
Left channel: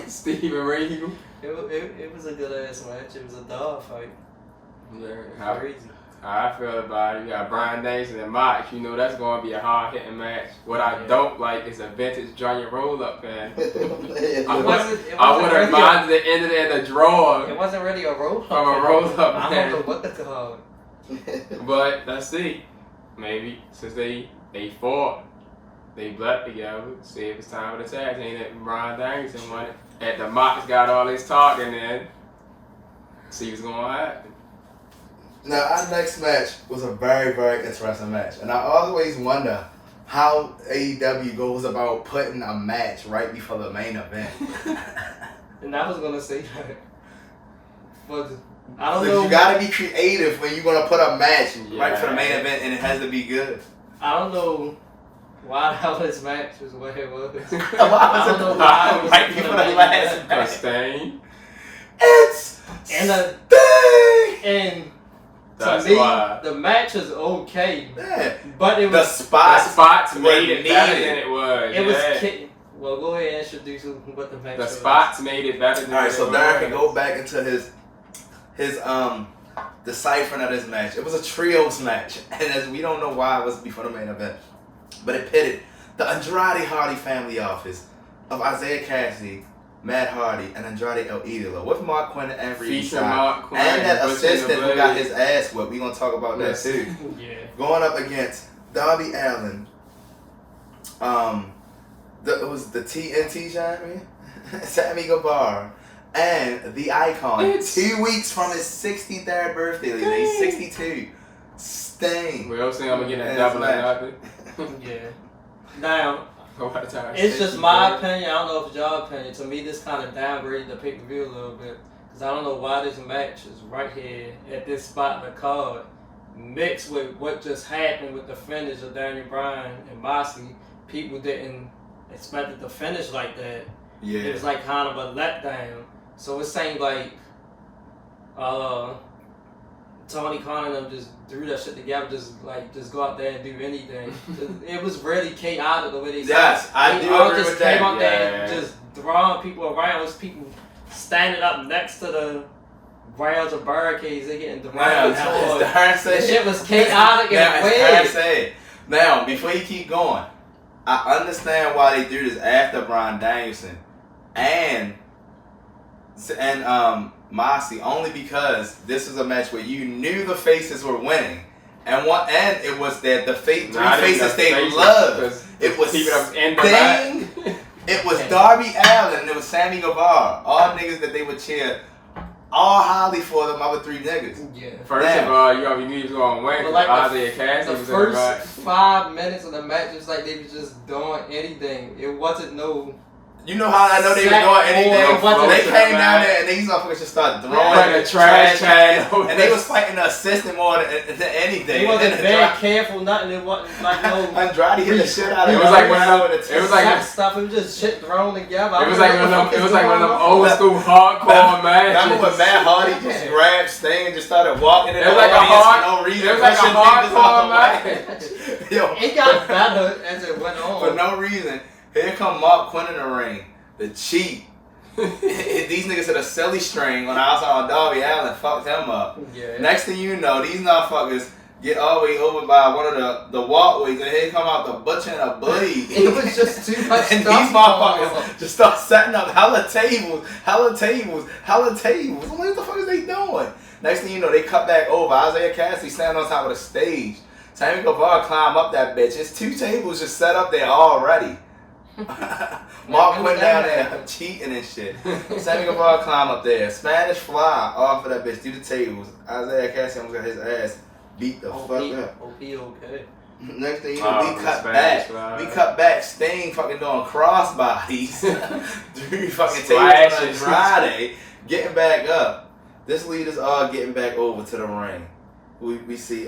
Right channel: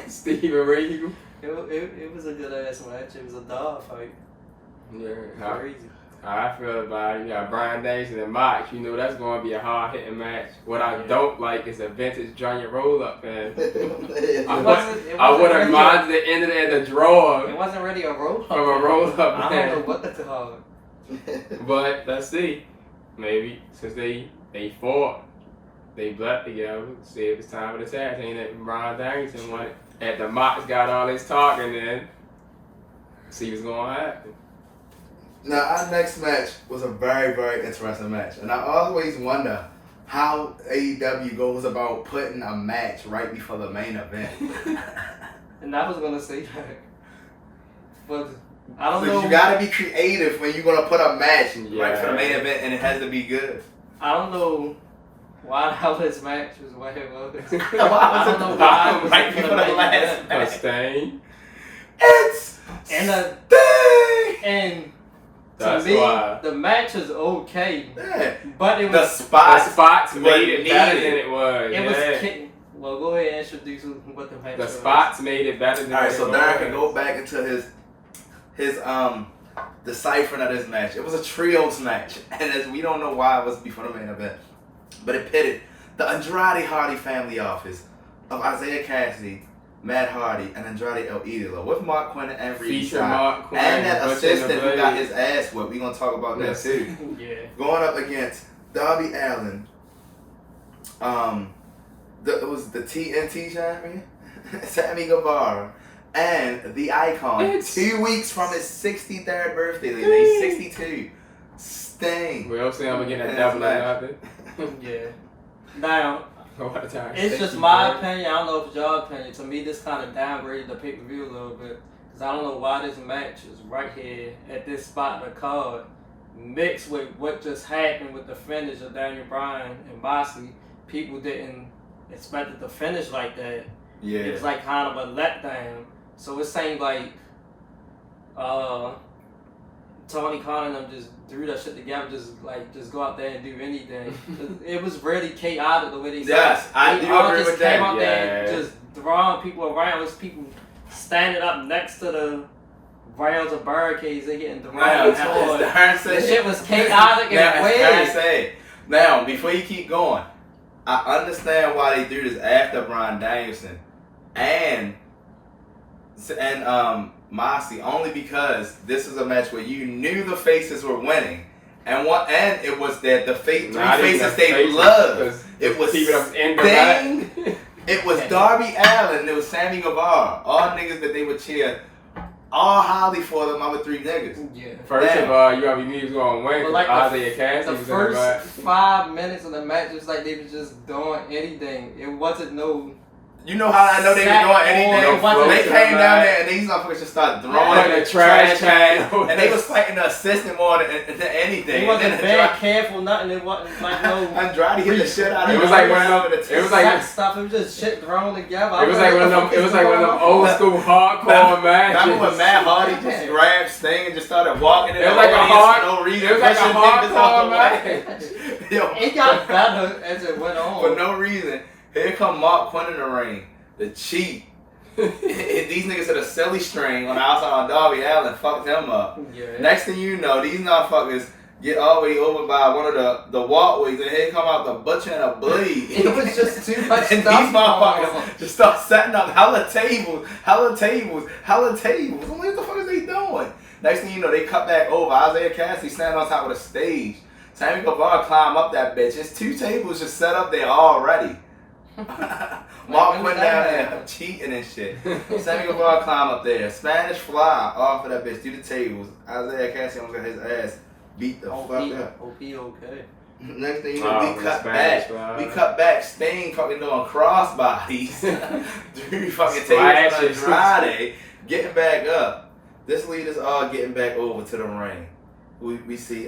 Steven Regal. It was a good ass match. It was a dog fight. Yeah, crazy. How I feel about it, you got Bryan Danielson and Mox. You know that's going to be a hard hitting match. What I don't like is a vintage Johnny roll up, man. I would have minded the end of it at the draw. It wasn't really a roll up. From a roll up. I don't know what to call it. But let's see. Maybe since they fought, they blacked together. See if it's time for the tag team that Bryan Danielson won it. At the Mox got all this talking in. See what's going to happen. Now, our next match was a very, very interesting match. And I always wonder how AEW goes about putting a match right before the main event. And I was going to say that. But I don't know. You got to be creative when you're going to put a match right for the main event, and it has to be good. I don't know why the hell this match was the way it was. Why was it right before the last match? Stain. It's and that's to me, why. The match is okay, but it was the spots made it better than it was. It was. Well, go ahead and introduce what the match was. The spots made it better than it was. All right, so Darren can go back into his deciphering of this match. It was a trios match, and as we don't know why it was before the main event, but it pitted the Andrade Hardy family office of Isaiah Cassidy, Matt Hardy, and Andrade El Idolo with Mark Quinn and Ringside, and that assistant who got his ass whipped. We're gonna talk about that too. Going up against Darby Allin, it was the TNT champion, Sammy Guevara, and the Icon. 2 weeks from his 63rd birthday, he's 62. Sting. We also I'm gonna get that double out there. Yeah. Now. It's just my opinion. I don't know if it's your opinion. To me, this kind of downgraded the pay-per-view a little bit. Because I don't know why this match is right here at this spot in the card. Mixed with what just happened with the finish of Daniel Bryan and Moxley. People didn't expect it to finish like that. Yeah. It was like kind of a letdown. So it seemed like Tony Khan and them just threw that shit together, just go out there and do anything. It was really chaotic the way they said. Yes, I do agree with that. Came out there and just throwing people around. It was people standing up next to the rails of barricades. They getting thrown. The shit was chaotic and weird. Now, before you keep going, I understand why they threw this after Bryan Danielson and Moxley, only because this was a match where you knew the faces were winning, and it was that the three faces they loved. It was Sting, it was Darby Allin, and it was Sammy Guevara. All niggas that they would cheer all highly for them other three niggas. Yeah. First of all, you already knew he was going to win. But like the first 5 minutes of the match, it was like they were just doing anything. It wasn't no. You know how I know they were doing anything? They came down there and these motherfuckers just started throwing the trash can. And they was fighting the assistant more than anything. He wasn't very careful, nothing. It wasn't like no. Andrade hit the shit out of him. It was like one of them. It was like stuff. It was just shit thrown together. It was like one of them. It was like one of them old school hardcore matches. Remember when Matt Hardy just grabbed Sting and just started walking in the audience for no reason? It was like a hardcore match. It got better as it went on. For no reason. Here come Mark Quinn in the ring. The cheat. These niggas had a silly string on the outside on Darby Allin, fucked him up. Yeah. Next thing you know, these motherfuckers get all the way over by one of the walkways, and here come out the butcher and a bleed. It was just too much and stuff. These motherfuckers just start setting up hella tables. I'm like, what the fuck is they doing? Next thing you know, they cut back over. Isaiah Cassidy standing on top of the stage. Sammy Guevara climb up that bitch. It's 2 tables just set up there already. Mark went down there cheating and shit. Sammy Guevara climb up there. Spanish fly off of that bitch through the tables. Isaiah Cassie almost got his ass beat the fuck up. OP okay. Next thing you know, we cut back. We cut back. Sting fucking doing crossbodies. 3 fucking tables on Andrade. Getting back up. This lead is all getting back over to the ring. We see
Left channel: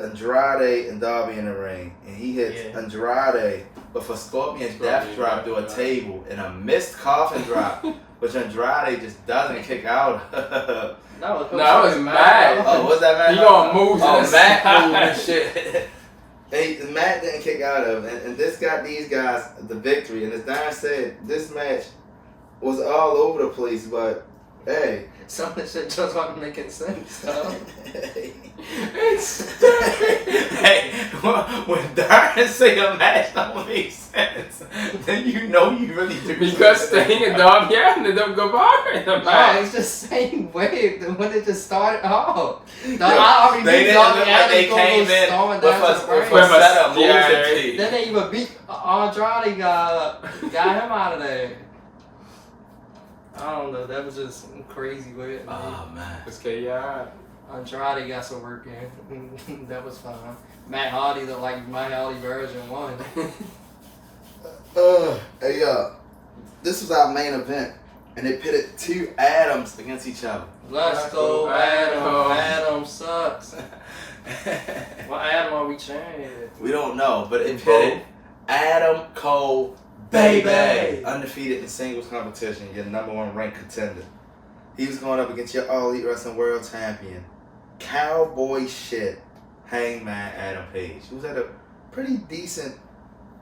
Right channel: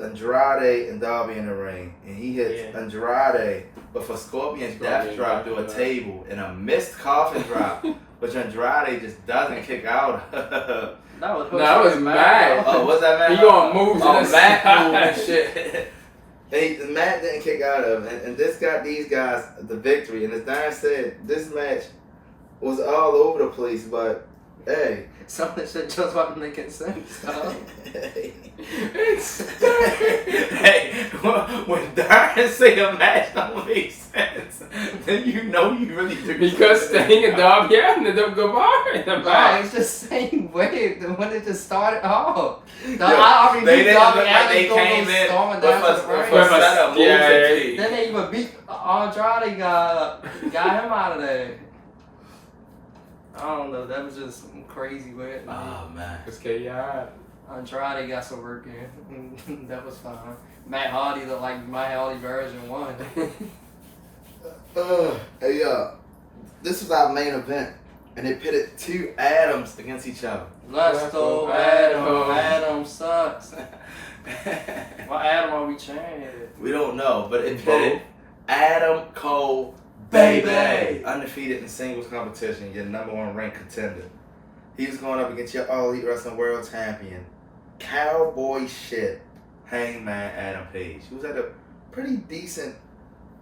Andrade and Darby in the ring, and he hits Andrade, but for Scorpion's death drop through a table and a missed coffin drop, which Andrade just doesn't kick out of. No, it was Matt. Oh, what's that, Matt? He gonna move. Oh, Matt moved and shit. Matt didn't kick out of, and this got these guys the victory. And as Don said, this match was all over the place, but hey. Some of the shit just wasn't making sense. Hey, when Darren say a match don't make sense, then you know you really do. Because Sting and Darby ended up Guevara in the match. It's just saying way when it just started off. They didn't look like they came in with a set of moves. Then they even beat Andrade, got him out of there. I don't know, that was just crazy weird. Oh man. It's chaotic. Andrade got some work in. That was fine. Matt Hardy looked like my Hardy version 1. Hey, this was our main event, and they pitted 2 Adams against each other. Let's go, Adam. Adam sucks. What Adam are we cheering? We don't know, but it pitted Adam Cole, baby, undefeated in singles competition, your #1 ranked contender. He was going up against your All Elite Wrestling World Champion, cowboy shit, Hangman Adam Page, who's at a pretty decent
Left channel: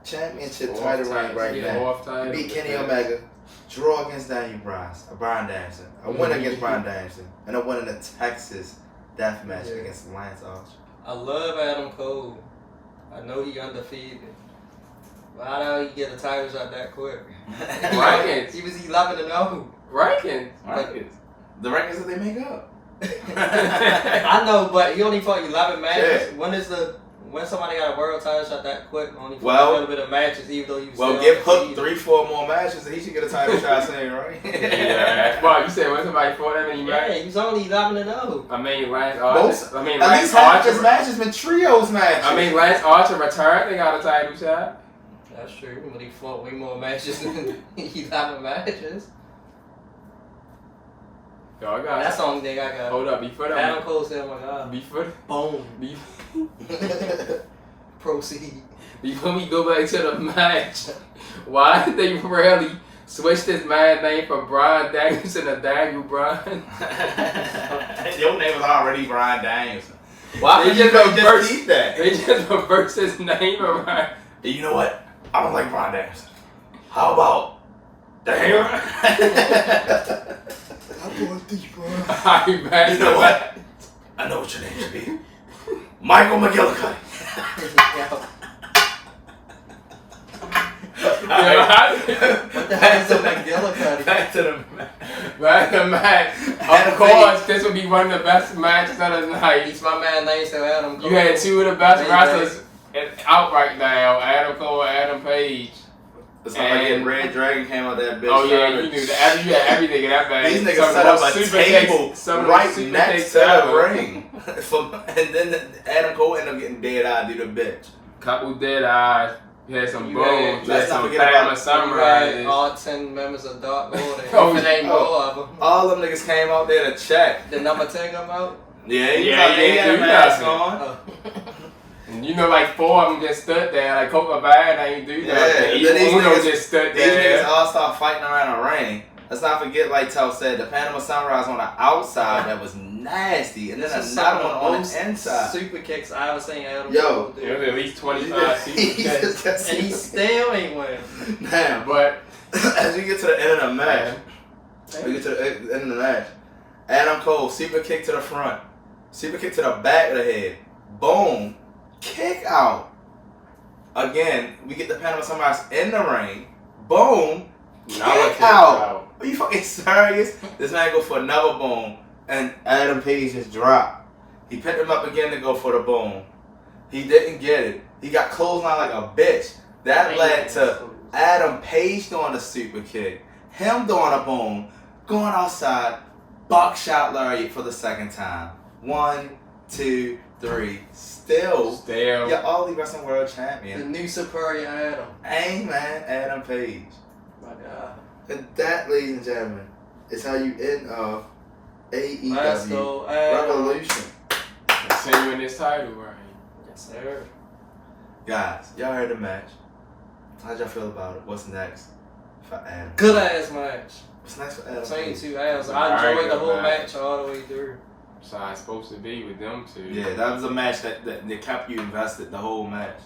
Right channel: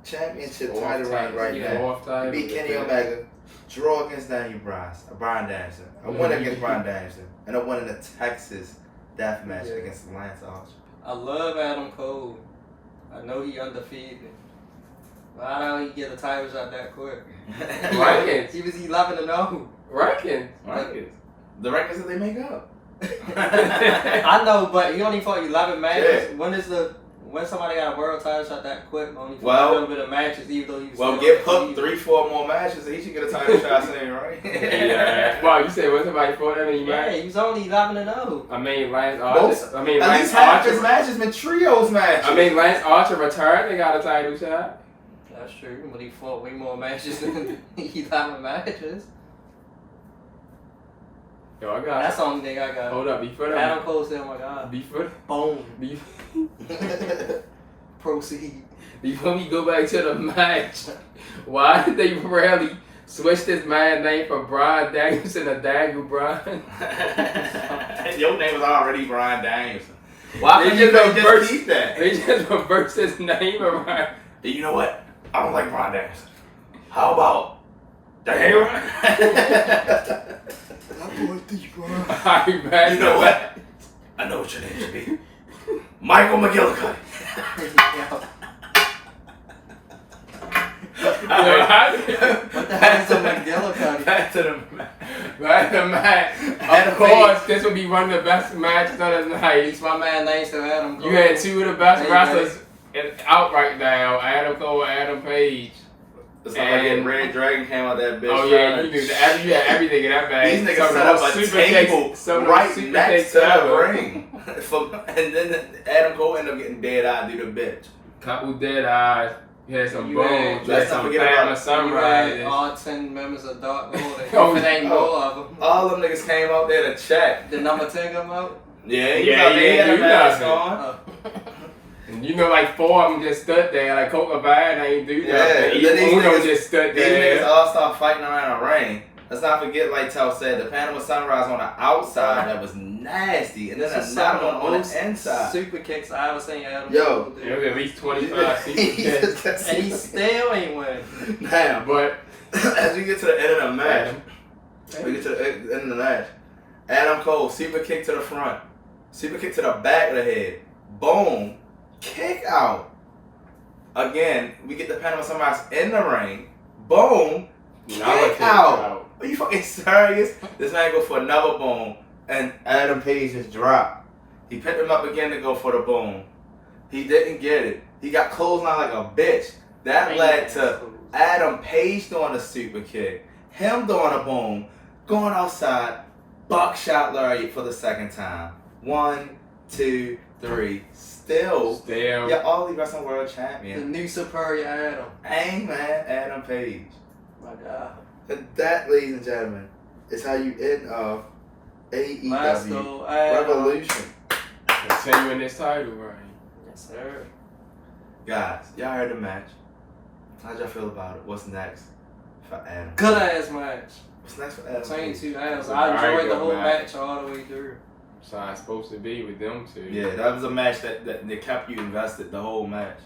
championship title reign right now. He beat Kenny Omega, draw against Brian Danielson, a win against Brian Danielson, and a win in the Texas death match against Lance Archer. I love Adam Cole. I know he undefeated. But how do he get a title shot that quick? Rankings. He was 11-0. Rankings. The rankings that they make up. I know, but he only fought 11 matches. Yeah. When somebody got a world title shot that quick, only fought a little bit of matches, even though he was give Hook 3-4 more matches, and he should get a title shot soon, right? Well, you said when somebody fought that many matches? Yeah, he was only 11-0. I mean, Lance Archer. At least half his matches been trios matches. I mean, Lance Archer returned and got a title shot. That's true, but he fought way more matches than 11 matches. Yo, I got That's the only thing I got. Hold up, before that. Adam Cole said, oh my god. Before. Boom. Proceed. Before we go back to the match, why did they rarely switch this man's name from Brian Danielson to Daniel Bryan? Your name was already Brian Danielson. Why couldn't you just keep that? They just reversed his name around. You know what? I don't like Brian Danielson. How about Daniel? I'm going deep, bro. You know what? I know what your name should be. Michael McGillicuddy. What the hell is a McGillicuddy? Back to the match. Of course, this would be one of the best matches of the night. My man named Adam Cole. You had 2 of the best wrestlers out right now, Adam Cole and Adam Page. It's like reDRagon came out that bitch. Oh yeah, you knew that. You had everything in that bag. These niggas set up a table right next to the ring. And then Adam Cole ended up getting dead-eyed due to bitch. Couple dead eyes. He had some bones. Let's not forget about Sunrise. All 10 members of Dark Lord. If it ain't more of them. All them niggas came out there to check. Did number 10 come out? Yeah, he had a mask on. You know, like 4 of them just stood there. Like Coca Bad ain't do that. Yeah, then these niggas just stood there. These niggas all start fighting around the ring. Let's not forget, like Tell said, the Panama Sunrise on the outside that was nasty, and then another one on the inside. Super kicks I was saying Adam. Yo, there was at least 25 people. And he still ain't win. Now, but as we get to the end of the match, Adam Cole, super kick to the front, super kick to the back of the head, boom, kick out. Again, we get the Panama Sunrise in the ring, boom, kick out. Are you fucking serious? This man go for another boom, and Adam Page just dropped. He picked him up again to go for the boom. He didn't get it. He got clotheslined like a bitch. That led to Adam Page doing a super kick, him doing a boom, going outside, buckshot lariat for the second time. 1, 2, 3. Still, you're All Elite Wrestling World Champion. The new superior Adam. Amen, Adam Page. My God. And that, ladies and gentlemen, is how you end off AEW Revolution. Continuing this title reign. Yes, sir. Guys, y'all heard the match. How'd y'all feel about it? What's next for Adam? Good ass match. What's next for Adam? Between two Adams. I enjoyed the whole match all the way through. So it's supposed to be with them two. Yeah, that was a match that kept you invested the whole match.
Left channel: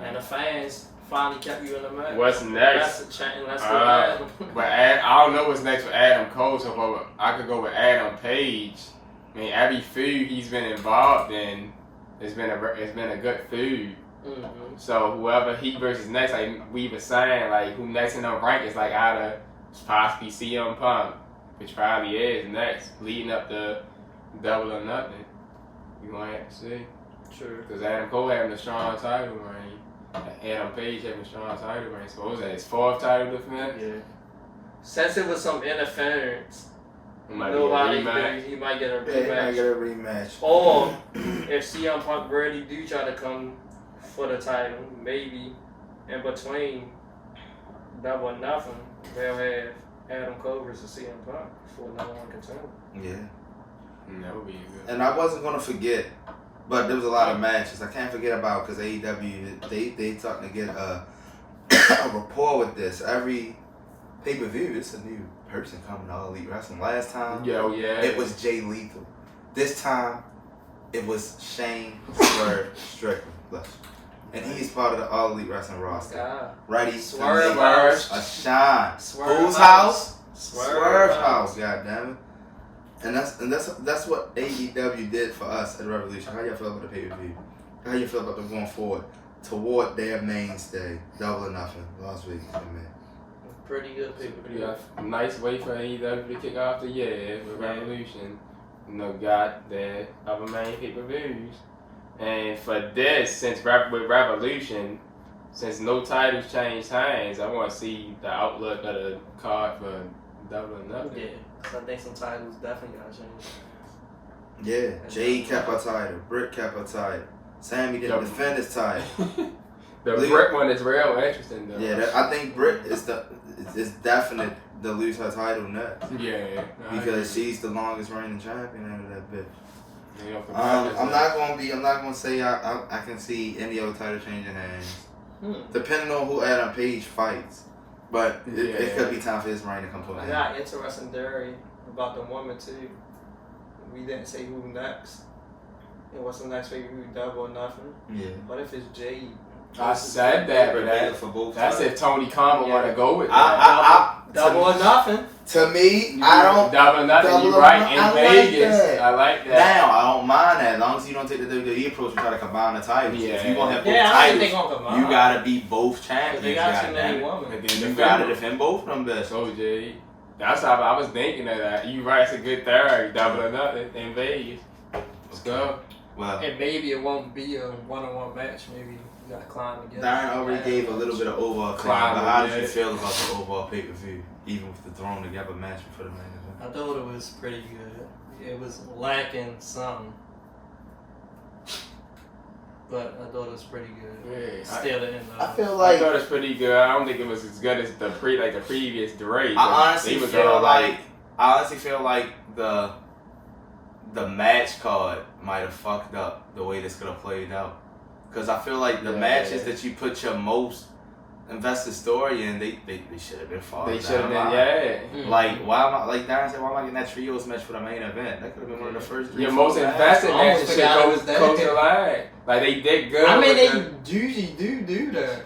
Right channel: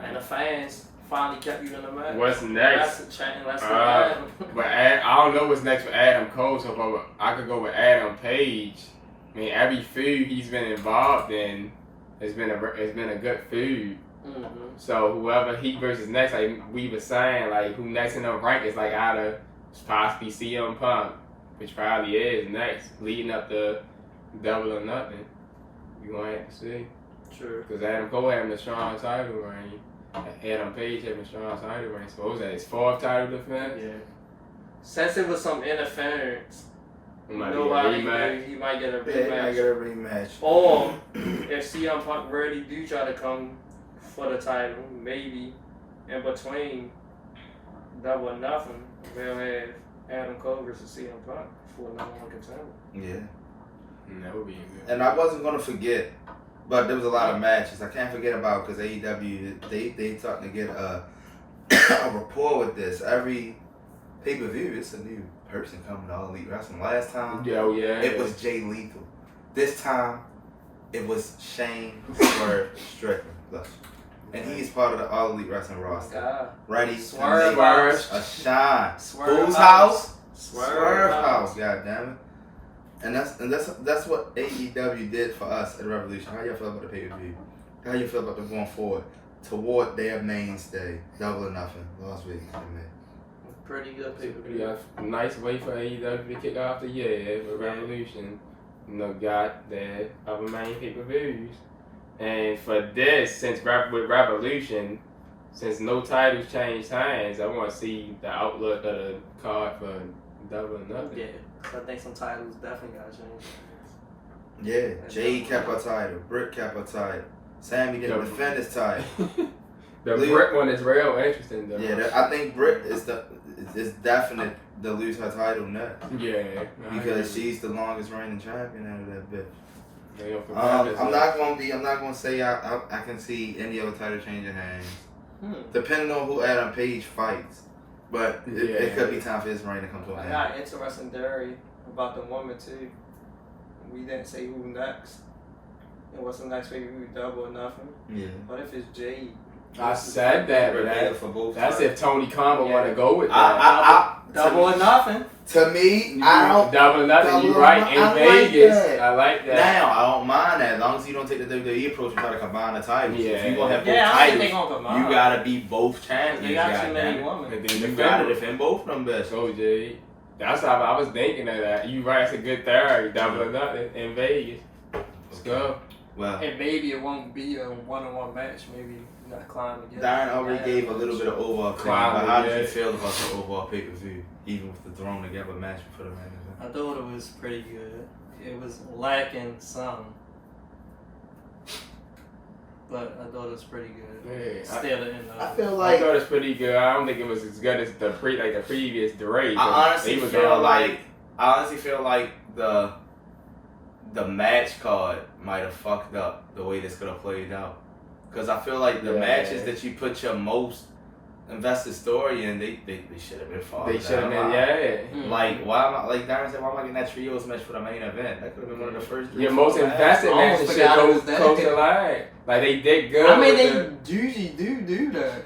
And the fans finally kept you in the match. What's next? That's what Adam. But I don't know what's next for Adam Cole, so I could go with Adam Page. I mean, every feud he's been involved in has been a good feud. Mm-hmm. So whoever he versus next, like we were saying, like who next in the rank is like out of possibly CM Punk, which probably is next, leading up to Double or Nothing. You gonna have to see. Sure. Because Adam Cole having a strong title reign, Adam Page having a strong title reign. So what was that? His 4th title defense? Yeah. Since it was some interference, It might nobody be a rematch. he might get a Yeah, he might rematch. get a rematch. Or if CM Punk really do try to come for the title, maybe in between Double or Nothing, they'll have Adam Cole versus CM Punk for number 1 contender. Yeah. That would be good. And I wasn't gonna forget, but there was a lot of matches. I can't forget about because AEW they starting to get a rapport with this. Every pay-per-view, it's a new person coming to All Elite Wrestling. Last time, it was Jay Lethal. This time, it was Shane Swerve Strickland. And he's part of the All Elite Wrestling roster. Ready Swerve to House. a shine. Swerve Whose house? Swerve House. God damn it. And that's what AEW did for us at Revolution. How y'all feel about the pay-per-view? How you feel about them going forward toward their mainstay, Double or Nothing, Las Vegas, man? Pretty good pay-per-view. Yeah, nice way for AEW to kick off the year with Revolution. You know, got their other main pay-per-views. And for this, since with Revolution, since no titles changed hands, I want to see the outlook of the card for Double or Nothing. Yeah, I think some titles definitely got to change. Yeah, Jade kept her title, Britt kept her title, Sammy didn't defend his title. The Britt one is real interesting though. Yeah, I think Britt is definite to lose her title next. Yeah, because she's the longest reigning champion out of that bit. I'm not gonna say I can see any other title changing hands, depending on who Adam Page fights. But it could be time for his reign to come to an end. I got interesting theory about the woman too. We didn't say who next. And what's the next big who Double or Nothing? Yeah. What if it's Jade? I said that, but that's if Tony Khan would want to go with that. Double or Nothing. To me, I don't. Double or Nothing, you're right. In Vegas, I like that. Now, I don't mind that as long as you don't take the WWE approach and try to combine the titles. Yeah. If you gonna have both I titles, think they gonna combine. you gotta be both champions. They got too many women. You gotta defend both of them bitches. So Jay, that's how I was thinking of that. You right, it's a good theory. Double or Nothing in Vegas. Let's go. Well, and maybe it won't be a one-on-one match. Maybe you gotta climb together. Darren already gave a little bit of overall claim, but how did you feel about the overall pay-per-view, even with the thrown together match before the main event? I thought it was pretty good. It was lacking some, but I thought it was pretty good. Yeah, Still in the. I feel like I thought it was pretty good. I don't think it was as good as the previous Drake. I honestly feel like the match card might have fucked up the way this could have played out. Because I feel like the matches that you put your most invested story in, they should have been farther down. They should have been, Like, why am I, like Darren said, why am I getting that trios match for the main event? That could have been one of the first three. Your most invested matches should go close to line. Like, they did good. I mean, they usually do that.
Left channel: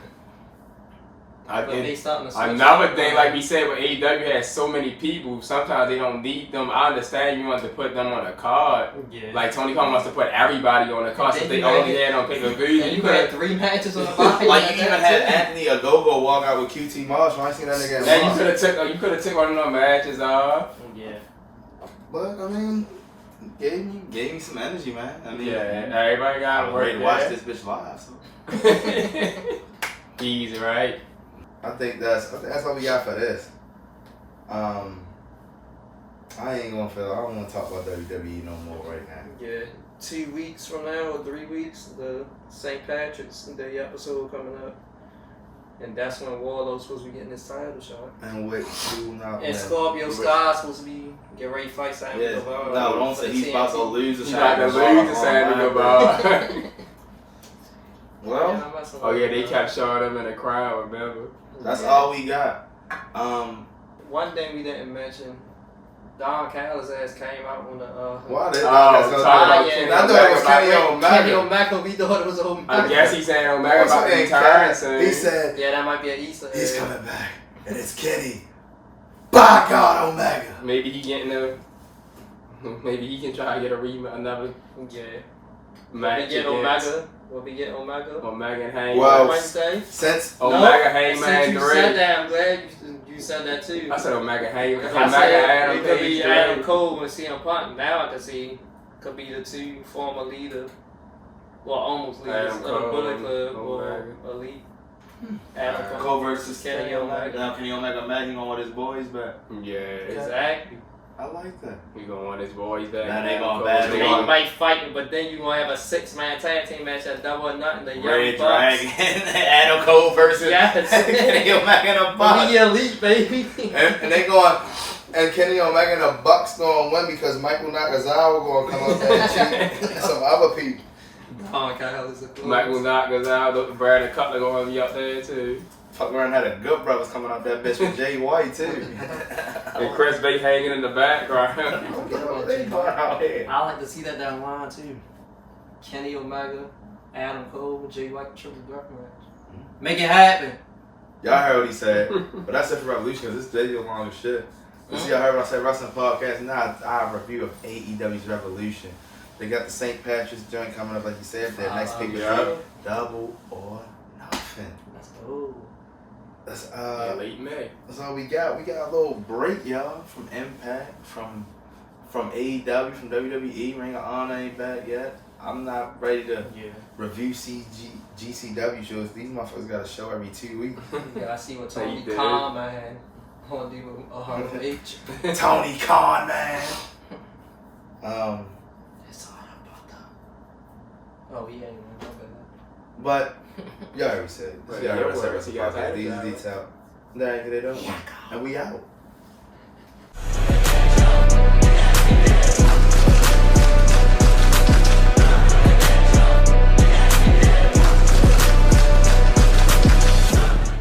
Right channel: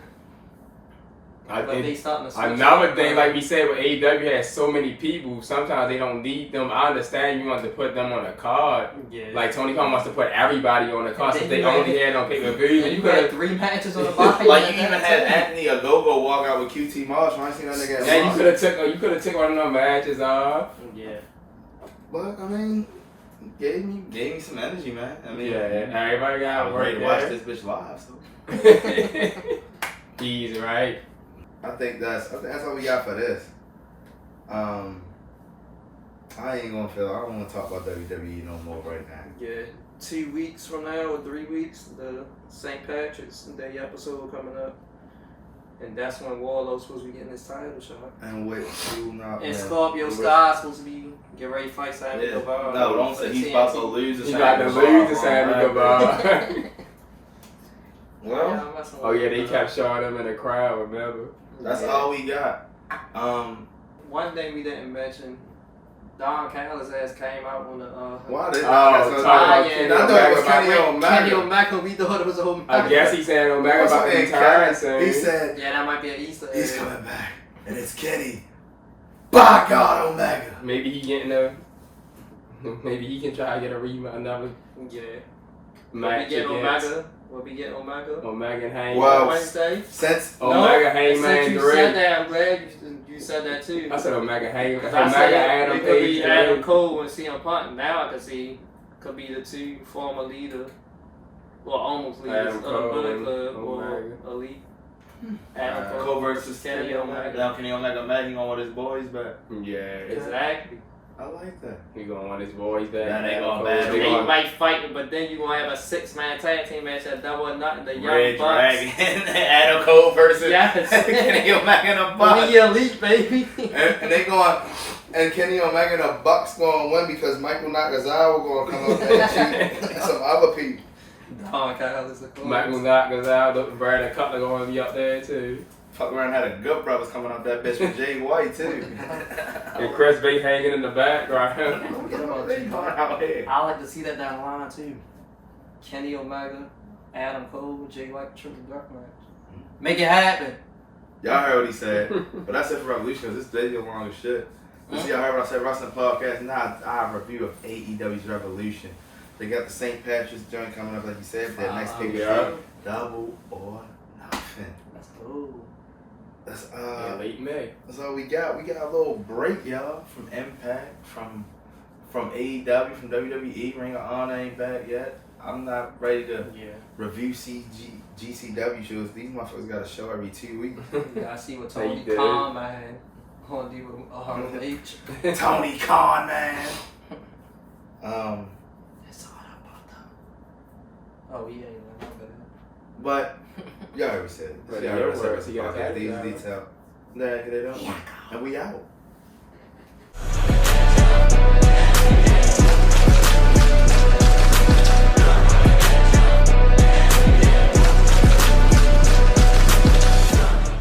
But they starting to switch another thing, like we said, with AEW has so many people, sometimes they don't need them. I understand you want to put them on a card. Yeah. Like Tony Khan wants to put everybody on a card, so they only had on pay-per-view. You had 3 matches on the body. Like you even had Anthony Ogogo walk out with QT Marshall. I ain't seen that nigga. Yeah, you could have took one of them matches off. Yeah. But I mean, Gave me some energy, man. I mean, everybody got I'm work ready to watch this bitch live. So easy, right? I think that's all we got for this. I don't want to talk about WWE no more right now. Yeah, 2 weeks from now or 3 weeks, the St. Patrick's Day episode coming up. And that's when Warlow's supposed to be getting his title shot. And wait, and Scorpio Sky's supposed to be get ready to fight Sammy Guevara. No, don't say he's about to lose to Sammy Guevara. He's about to lose to Sammy Guevara. Well, they kept showing him in the crowd, remember? That's all we got. One thing we didn't mention, Don Callis' ass came out on the why they? I thought it was Kenny Omega. Kenny Omega, we thought it was Omega. I guess he's saying Omega about to retire soon. He said, yeah, that might be an Easter egg. He's coming back, and it's Kenny. By God, Omega. Maybe he can try to get another match against. Will we get Omega? Omega and Hangman. Well, Wednesday? Since Omega, Hangman, since you said that, I'm glad you said that too. I said Omega, Hangman. I said Adam it could be Adam Cole and CM Punk. Now I can see could be the two former leaders, well, almost leaders of the Bullet Club or Elite. Adam Cole versus Kenny Omega. Now Kenny Omega mad, he gonna want his boys back. Yeah, exactly. I like that. We gonna want his boys back. Now they gonna battle. They might fight, but then you gonna have a 6-man tag team match at Double or Nothing. The Young reDRagon, Adam Cole versus Kenny Omega and the Bucks. We Elite, baby. and they going, and Kenny Omega and the Bucks gonna win because Michael Nakazawa gonna come up there and shoot some other people. Don Callis is a cool. Michael Nakazawa, Brandon Cutler gonna be up there too. Fuck around had a good brothers coming out that bitch with Jay White too. And Chris Bay hanging in the background. I like to see that down the line too. Kenny Omega, Adam Cole, Jay White, triple threat match. Make it happen. Y'all heard what he said, but that's it for Revolution because this video long as shit. This y'all heard when I said wrestling podcast. Now I review of AEW's Revolution. They got the St. Patrick's joint coming up, like you said. Their next pay-per-view, Double or Nothing. That's cool. That's late May. That's all we got. We got a little break, y'all, from Impact, from AEW, from WWE. Ring of Honor ain't back yet. I'm not ready to review GCW shows. These motherfuckers got a show every 2 weeks. Yeah, I see what Tony Khan, man. On the H. Tony Khan, man. It's all about that. Oh, he ain't man, no bad. But y'all already said it. Y'all already said it. These details. Nah, they don't. And we out.